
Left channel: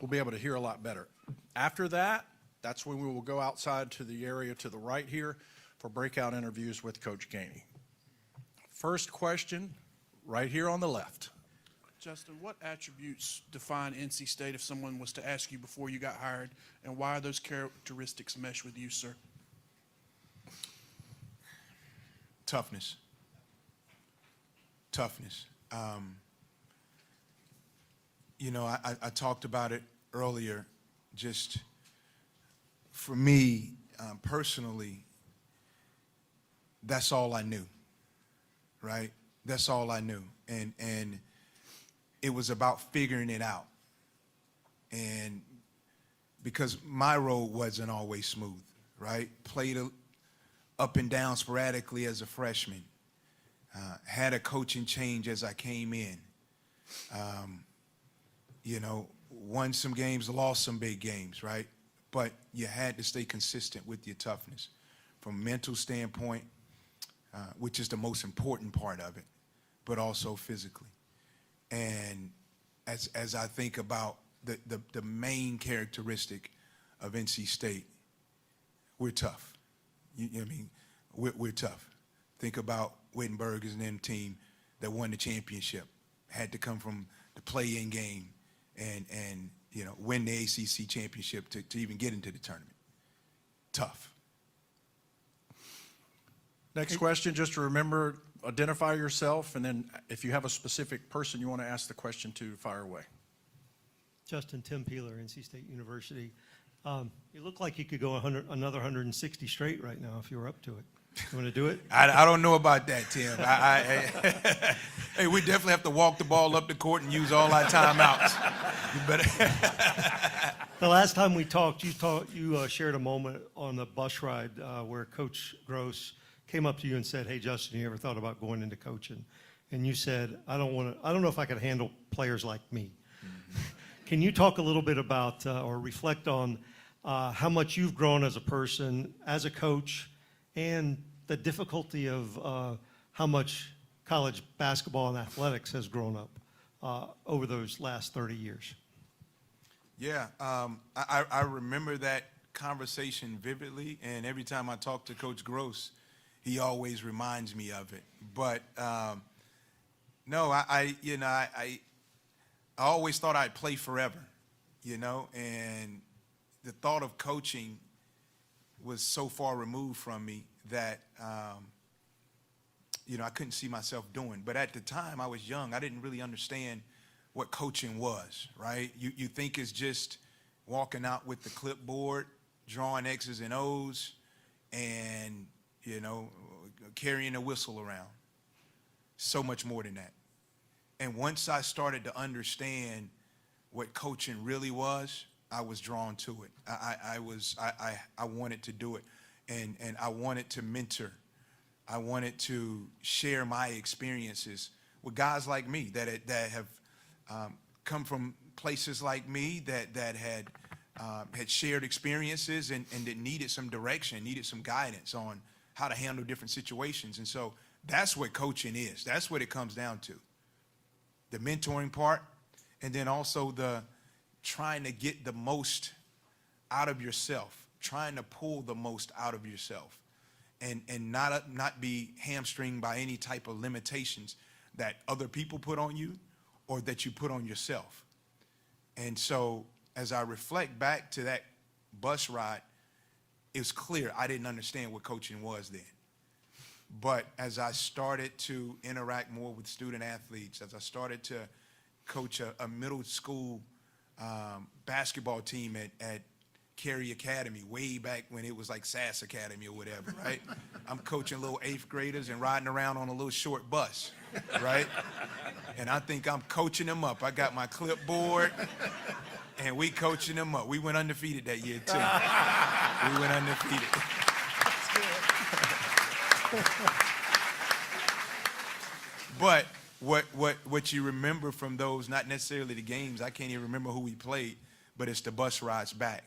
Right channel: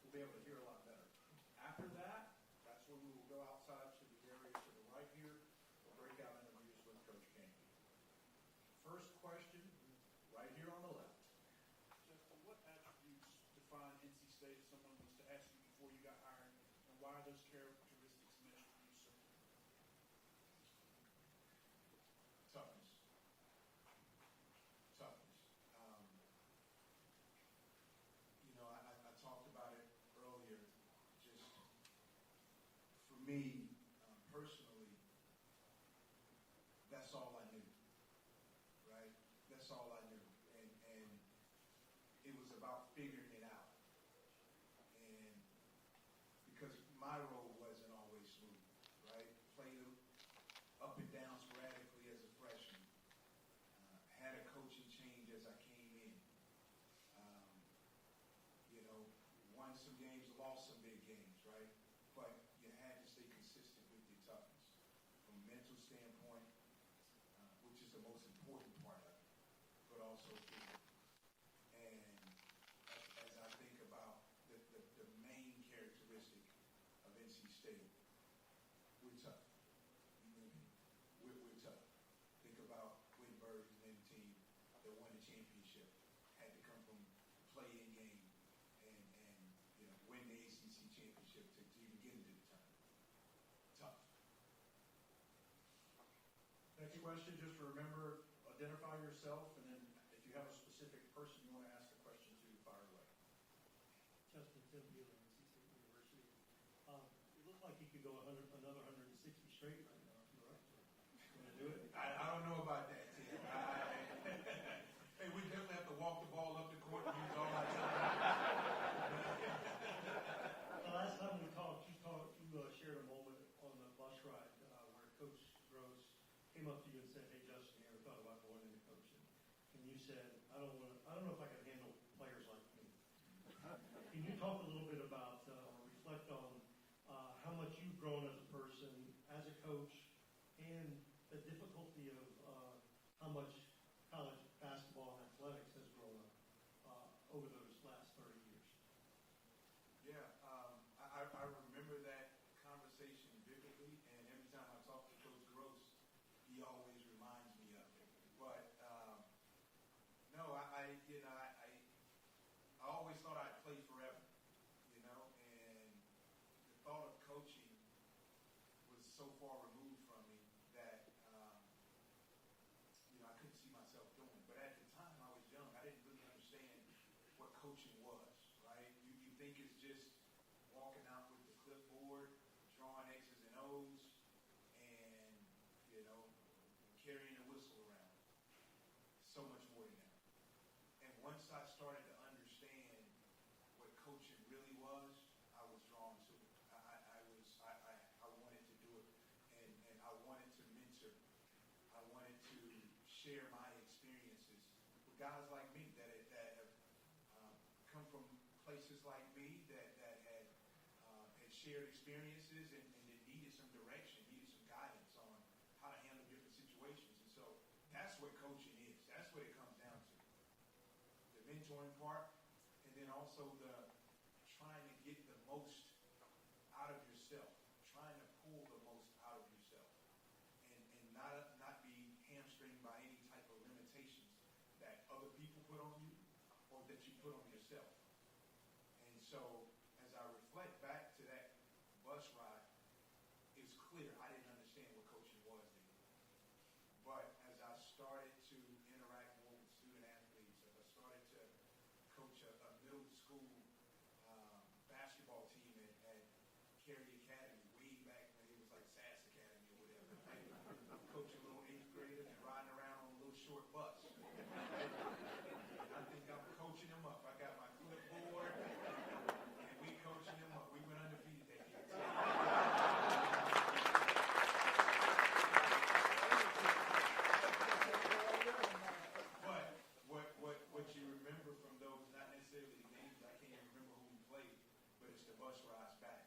we'll be able to hear a lot better. After that, that's when we will go outside to the area to the right here for breakout interviews with Coach Gainey. First question, right here on the left. Justin, what attributes define NC State if someone was to ask you before you got hired, and why those characteristics mesh with you, sir? Toughness. Toughness. You know, I talked about it earlier. Just for me, personally, that's all I knew, right? That's all I knew. And it was about figuring it out. And because my road wasn't always smooth, right? Played up and down sporadically as a freshman. Had a coaching change as I came in. You know, won some games, lost some big games, right? But you had to stay consistent with your toughness from a mental standpoint, which is the most important part of it, but also physically. And as I think about the main characteristic of NC State, we're tough. You know what I mean? We're tough. Think about Wittenberg as an team that won the championship, had to come from the play-in game and you know, win the ACC championship to even get into the tournament. Tough. Next question, just to remember, identify yourself, and then if you have a specific person you want to ask the question to, fire away. Justin, Tim Peeler, NC State University. You look like you could go another 160 straight right now if you were up to it. You want to do it? I don't know about that, Tim. Hey, we definitely have to walk the ball up the court and use all our timeouts. You better. The last time we talked, you shared a moment on the bus ride where Coach Gross came up to you and said, "Hey, Justin, you ever thought about going into coaching?" And you said, "I don't know if I could handle players like me." Can you talk a little bit about or reflect on how much you've grown as a person, as a coach, and the difficulty of how much college basketball and athletics has grown up over those last 30 years? Yeah, I remember that conversation vividly, and every time I talk to Coach Gross, he always reminds me of it. But no, I always thought I'd play forever, and the thought of coaching was so far removed from me that I couldn't see myself doing. But at the time, I was young. I didn't really understand what coaching was, right? You think it's just walking out with the clipboard, drawing X's and O's, and, carrying a whistle around. So much more than that. And once I started to understand what coaching really was, I was drawn to it. I wanted to do it, and I wanted to mentor. I wanted to share my experiences with guys like me that have come from places like me that had shared experiences and that needed some direction, needed some guidance on how to handle different situations. And so that's what coaching is. That's what it comes down to. The mentoring part, and then also the trying to get the most out of yourself, trying to pull the most out of yourself, and not be hamstringed by any type of limitations that other people put on you or that you put on yourself. And so as I reflect back to that bus ride, it's clear I didn't understand what coaching was then. But as I started to interact more with student athletes, as I started to coach a middle school basketball team at Cary Academy, way back when it was like SAS Academy or whatever, right? I'm coaching little 8th graders and riding around on a little short bus, right? And I think I'm coaching them up. I got my clipboard, and we coaching them up. We went undefeated that year, too. We went undefeated. But what you remember from those, not necessarily the games, I can't even remember who we played, but it's the bus rides back.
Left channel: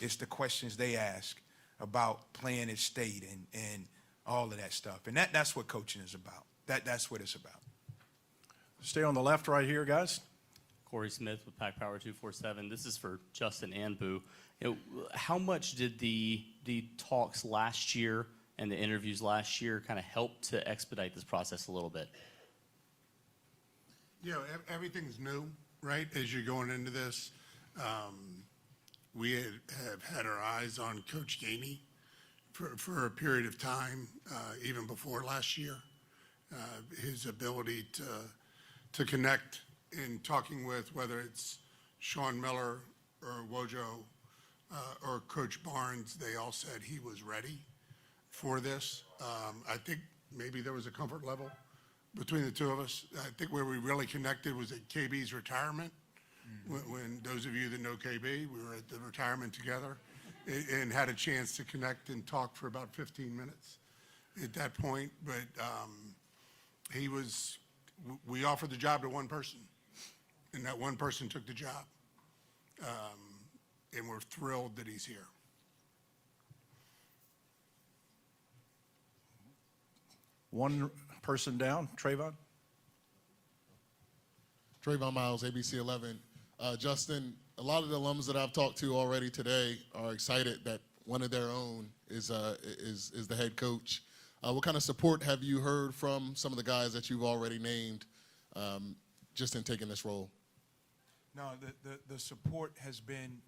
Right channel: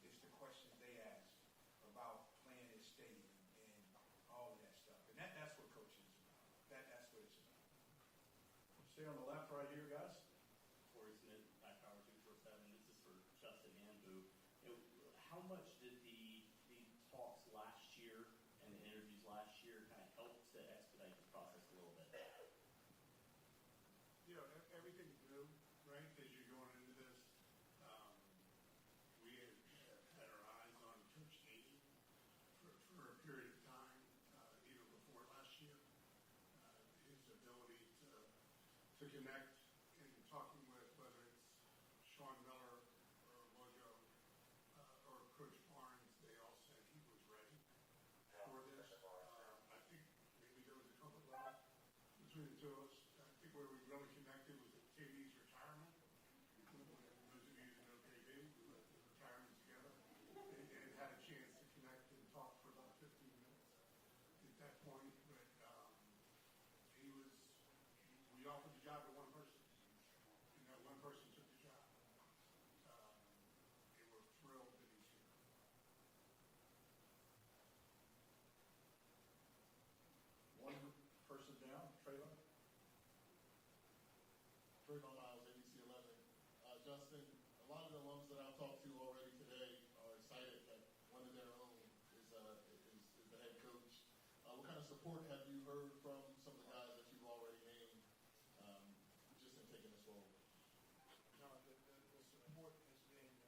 It's the questions they ask about playing at state and all of that stuff. And that's what coaching is about. That's what it's about. Stay on the left right here, guys. Corey Smith with Pack Power 247. This is for Justin and Boo. How much did the talks last year and the interviews last year kind of help to expedite this process a little bit? Everything's new, right? As you're going into this, we have had our eyes on Coach Gainey for a period of time, even before last year. His ability to connect in talking with whether it's Sean Miller or Wojo or Coach Barnes, they all said he was ready for this. I think maybe there was a comfort level between the two of us. I think where we really connected was at KB's retirement. When those of you that know KB, we were at the retirement together and had a chance to connect and talk for about 15 minutes at that point. But we offered the job to one person, and that one person took the job. And we're thrilled that he's here. One person down, Trayvon. Trayvon Miles, ABC 11. Justin, a lot of the alums that I've talked to already today are excited that one of their own is the head coach. What kind of support have you heard from some of the guys that you've already named just in taking this role? No, the support has been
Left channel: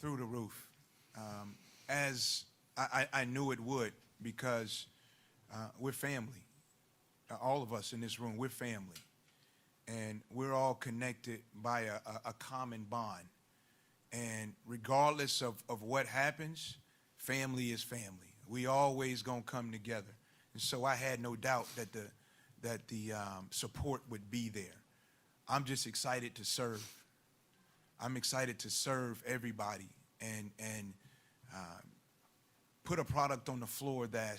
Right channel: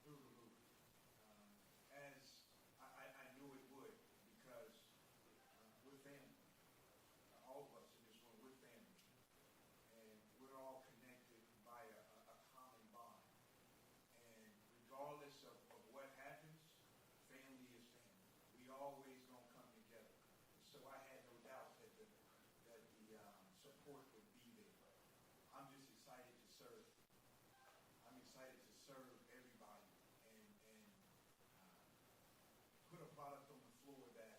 through the roof, as I knew it would, because we're family. All of us in this room, we're family. And we're all connected by a common bond. And regardless of what happens, family is family. We always gonna come together. And so I had no doubt that the support would be there. I'm just excited to serve. I'm excited to serve everybody and put a product on the floor that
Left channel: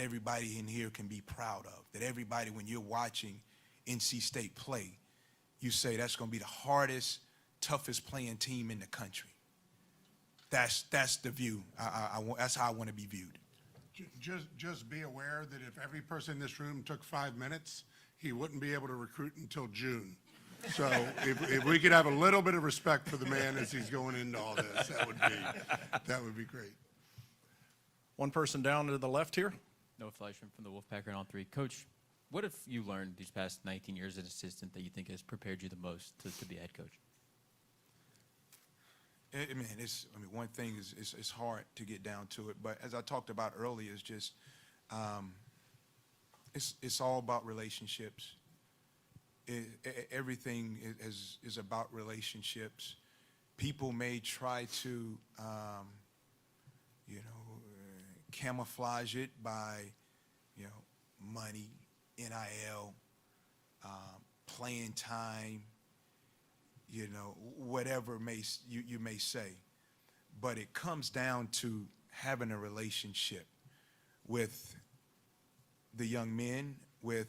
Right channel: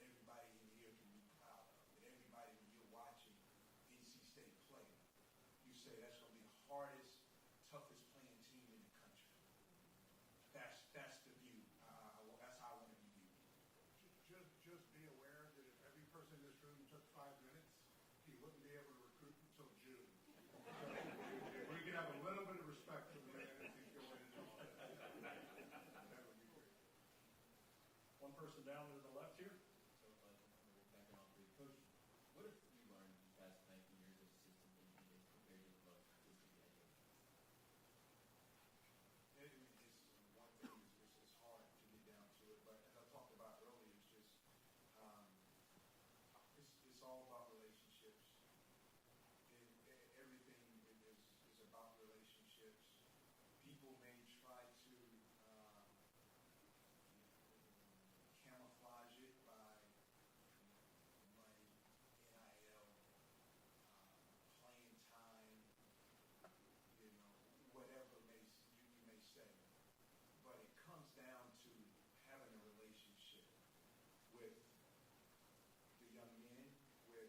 everybody in here can be proud of. That everybody, when you're watching NC State play, you say that's going to be the hardest, toughest playing team in the country. That's the view. That's how I want to be viewed. Just be aware that if every person in this room took 5 minutes, he wouldn't be able to recruit until June. So if we could have a little bit of respect for the man as he's going into all this, that would be great. One person down to the left here. Noah Fleischman from the Wolfpack on 3. Coach, what have you learned these past 19 years as assistant that you think has prepared you the most to be a head coach? One thing is it's hard to get down to it, but as I talked about earlier, it's just it's all about relationships. Everything is about relationships. People may try to camouflage it by money, NIL, playing time, whatever you may say. But it comes down to having a relationship with the young men, with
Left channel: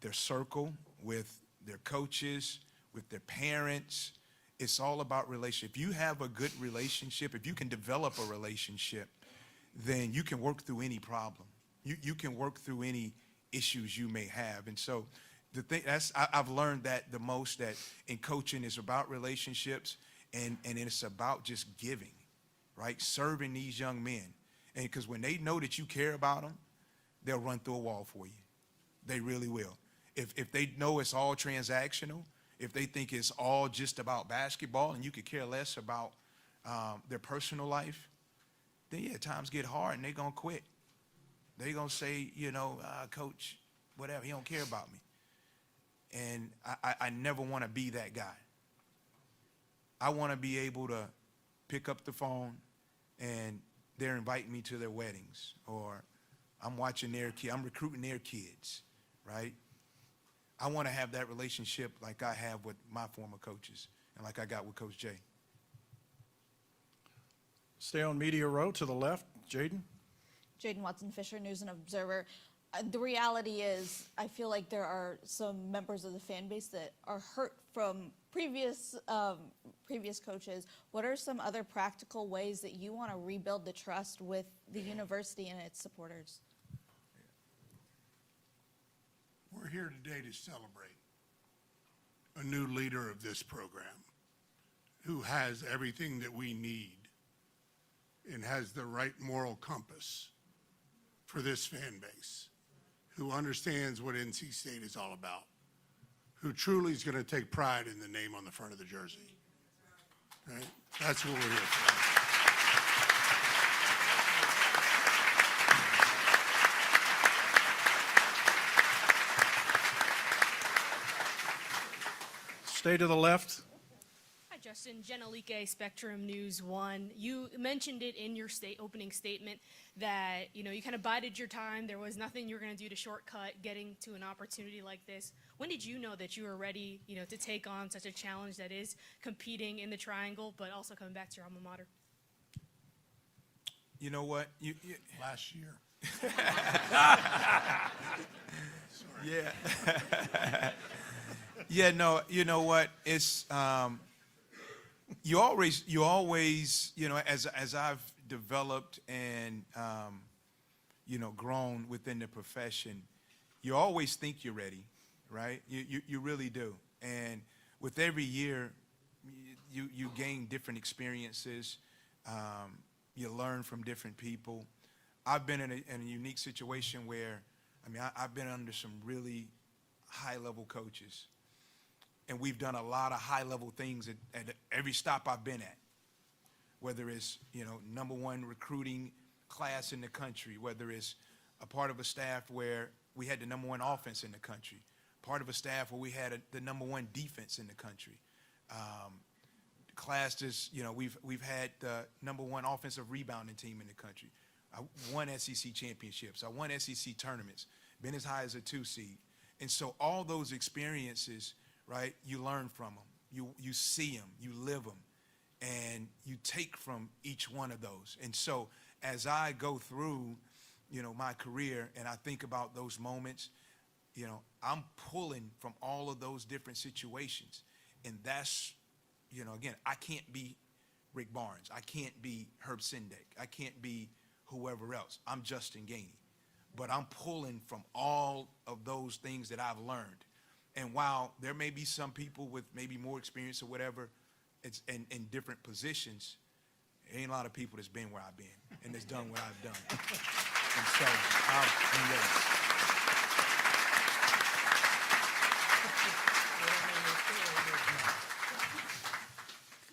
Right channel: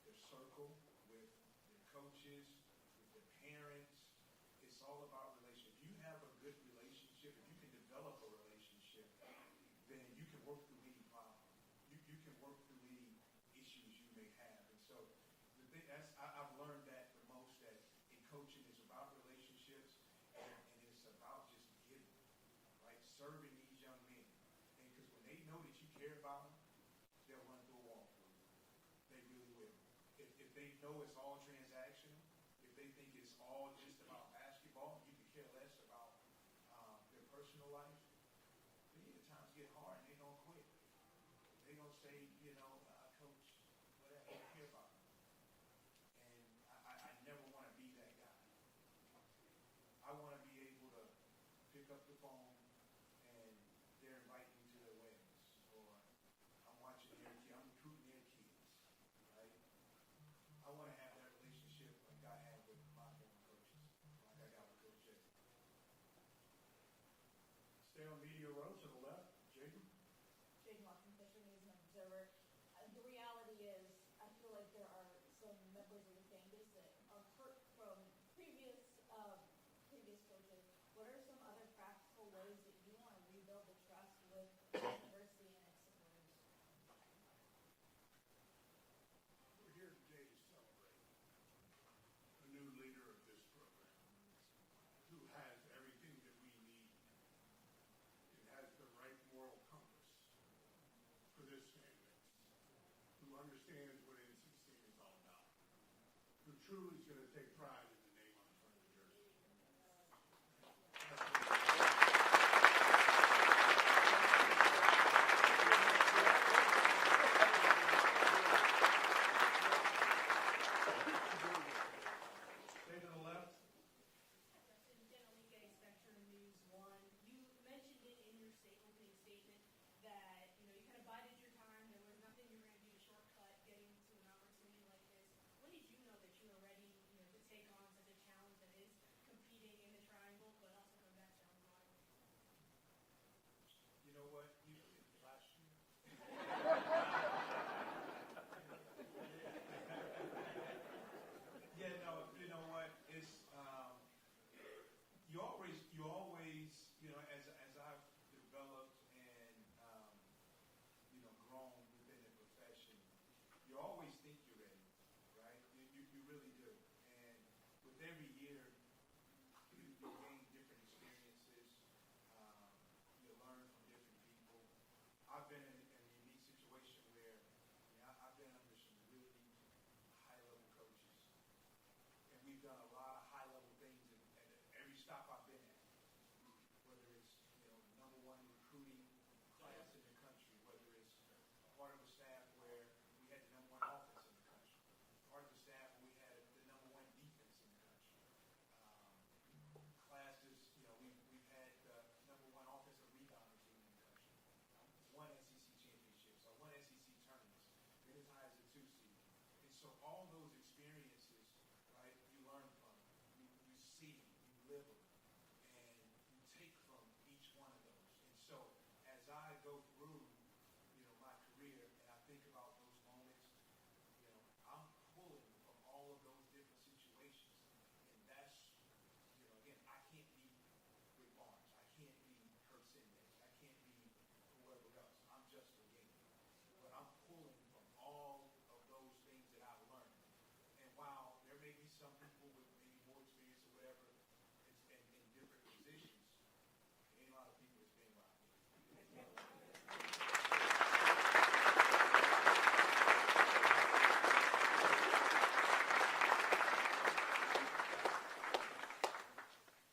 their circle, with their coaches, with their parents. It's all about relationship. If you have a good relationship, if you can develop a relationship, then you can work through any problem. You can work through any issues you may have. And so the thing I've learned that the most, that in coaching is about relationships and it's about just giving, right? Serving these young men. And because when they know that you care about them, they'll run through a wall for you. They really will. If they know it's all transactional, if they think it's all just about basketball and you could care less about their personal life, then yeah, times get hard and they're going to quit. They're going to say, coach, whatever, he don't care about me. And I never want to be that guy. I want to be able to pick up the phone and they're inviting me to their weddings, or I'm watching their kids, I'm recruiting their kids, right? I want to have that relationship like I have with my former coaches and like I got with Coach Jay. Stay on media row to the left, Jaden. Jaden Watson-Fisher, News and Observer. The reality is, I feel like there are some members of the fan base that are hurt from previous coaches. What are some other practical ways that you want to rebuild the trust with the university and its supporters? We're here today to celebrate a new leader of this program who has everything that we need and has the right moral compass for this fan base, who understands what NC State is all about, who truly is going to take pride in the name on the front of the jersey. Right? That's what we're here for. Stay to the left. Hi, Justin. Jenalike, Spectrum News 1. You mentioned it in your opening statement that, you kind of bided your time. There was nothing you were going to do to shortcut getting to an opportunity like this. When did you know that you were ready, to take on such a challenge that is competing in the triangle, but also coming back to your alma mater? You know what? Last year. Yeah. Yeah, no, you know what? It's you always, as I've developed and grown within the profession, you always think you're ready, right? You really do. And with every year, you gain different experiences. You learn from different people. I've been in a unique situation where, I've been under some really high-level coaches. And we've done a lot of high-level things at every stop I've been at, whether it's, #1 recruiting class in the country, whether it's a part of a staff where we had the #1 offense in the country, part of a staff where we had the #1 defense in the country. Class is, we've had the #1 offensive rebounding team in the country. I won SEC championships. I won SEC tournaments, been as high as a 2 seed. And so all those experiences, right, you learn from them. You see them, you live them, and you take from each one of those. And so as I go through, my career and I think about those moments, I'm pulling from all of those different situations. And that's, again, I can't be Rick Barnes. I can't be Herb Sendek. I can't be whoever else. I'm Justin Gainey. But I'm pulling from all of those things that I've learned. And while there may be some people with maybe more experience or whatever, it's in different positions, there ain't a lot of people that's been where I've been and that's done what I've done. And so,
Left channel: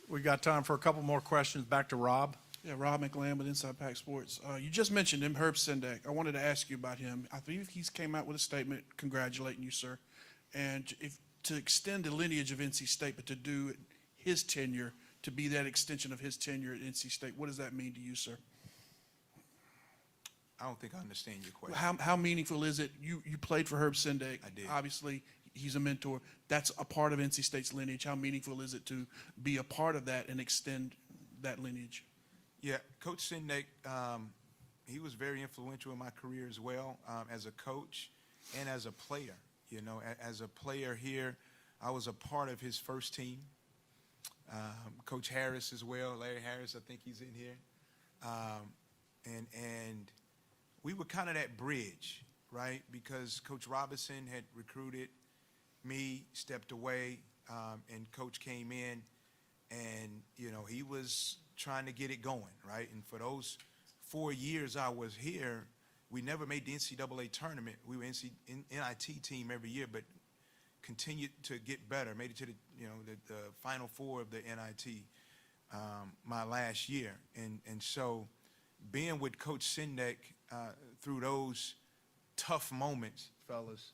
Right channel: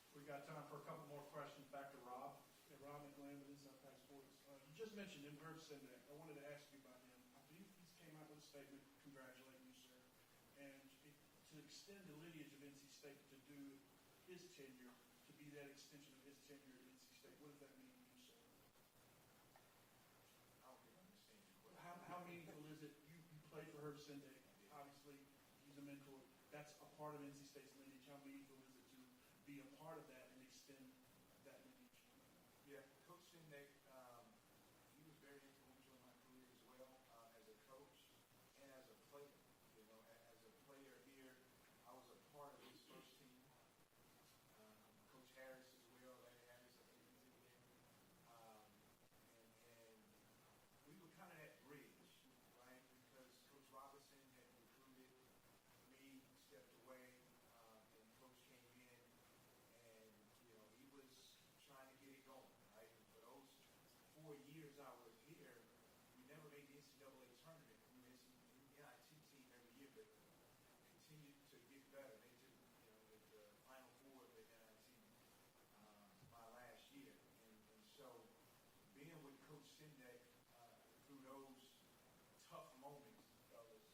We got time for a couple more questions. Back to Rob. Yeah, Rob McLean with Inside Pack Sports. You just mentioned him, Herb Sendek. I wanted to ask you about him. I believe he's came out with a statement congratulating you, sir. And to extend the lineage of NC State, but to do his tenure, to be that extension of his tenure at NC State, what does that mean to you, sir? I don't think I understand your question. How meaningful is it? You played for Herb Sendek. I did. Obviously, he's a mentor. That's a part of NC State's lineage. How meaningful is it to be a part of that and extend that lineage? Yeah, Coach Sendek, he was very influential in my career as well, as a coach and as a player. As a player here, I was a part of his first team. Coach Harris as well, Larry Harris, I think he's in here. And we were kind of that bridge, right? Because Coach Robinson had recruited me, stepped away, and Coach came in, and, he was trying to get it going, right? And for those 4 years I was here, we never made the NCAA tournament. We were NIT team every year, but continued to get better. Made it to the Final Four of the NIT my last year. And so being with Coach Sendek through those tough moments, fellas,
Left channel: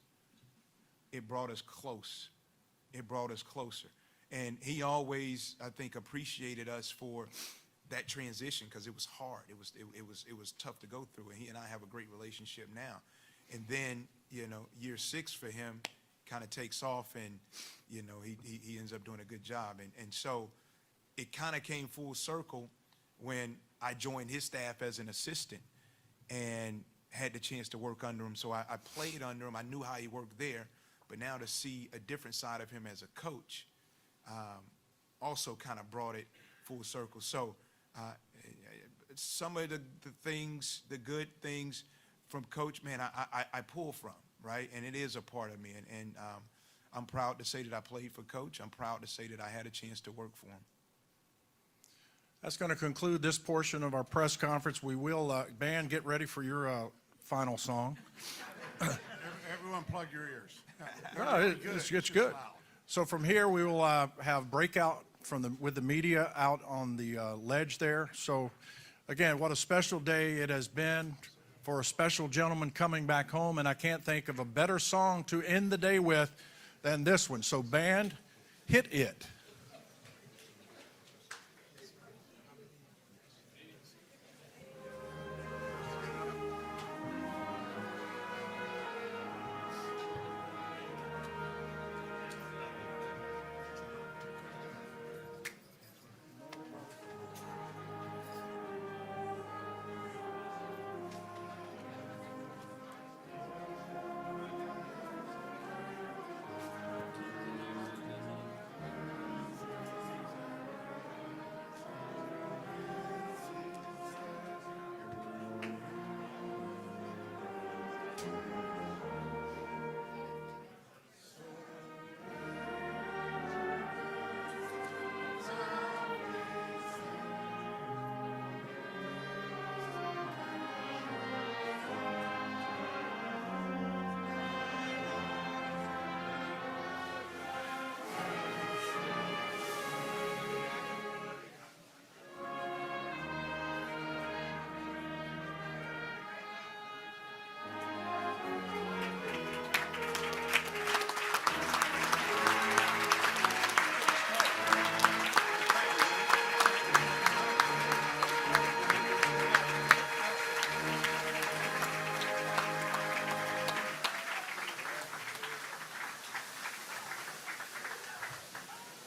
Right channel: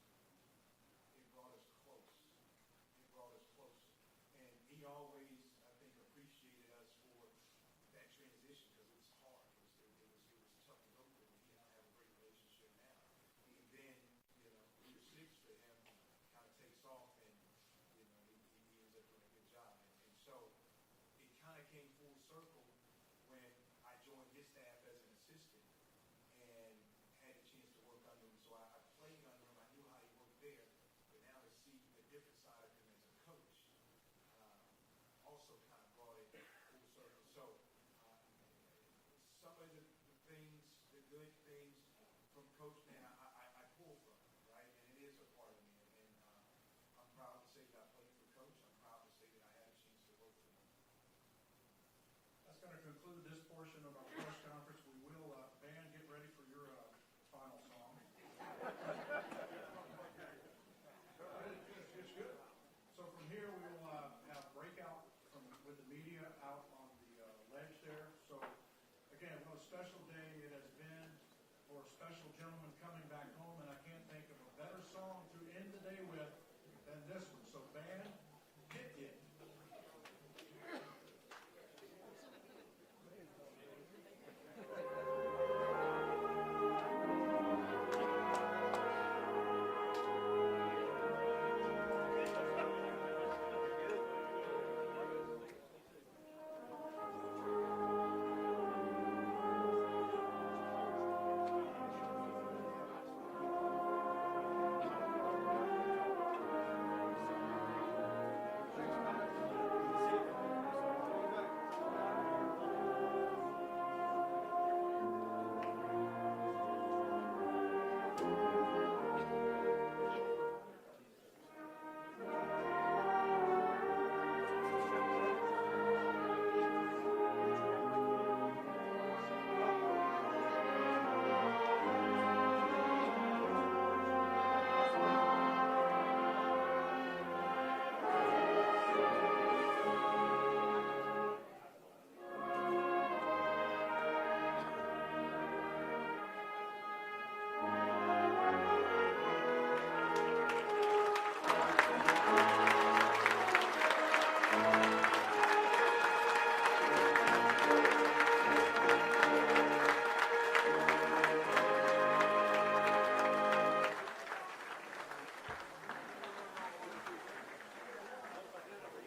it brought us close. It brought us closer. And he always, I think, appreciated us for that transition because it was hard. It was tough to go through. And he and I have a great relationship now. And then, year 6 for him kind of takes off, and, he ends up doing a good job. And so it kind of came full circle when I joined his staff as an assistant and had the chance to work under him. So I played under him. I knew how he worked there. But now to see a different side of him as a coach also kind of brought it full circle. So some of the things, the good things from Coach, man, I pull from, right? And it is a part of me. And I'm proud to say that I played for Coach. I'm proud to say that I had a chance to work for him. That's going to conclude this portion of our press conference. We will, band, get ready for your final song. Everyone plug your ears. No, it's good. So from here, we will have breakout with the media out on the ledge there. So again, what a special day it has been for a special gentleman coming back home, and I can't think of a better song to end the day with than this one. So band, hit it.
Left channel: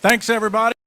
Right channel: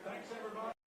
Thanks, everybody.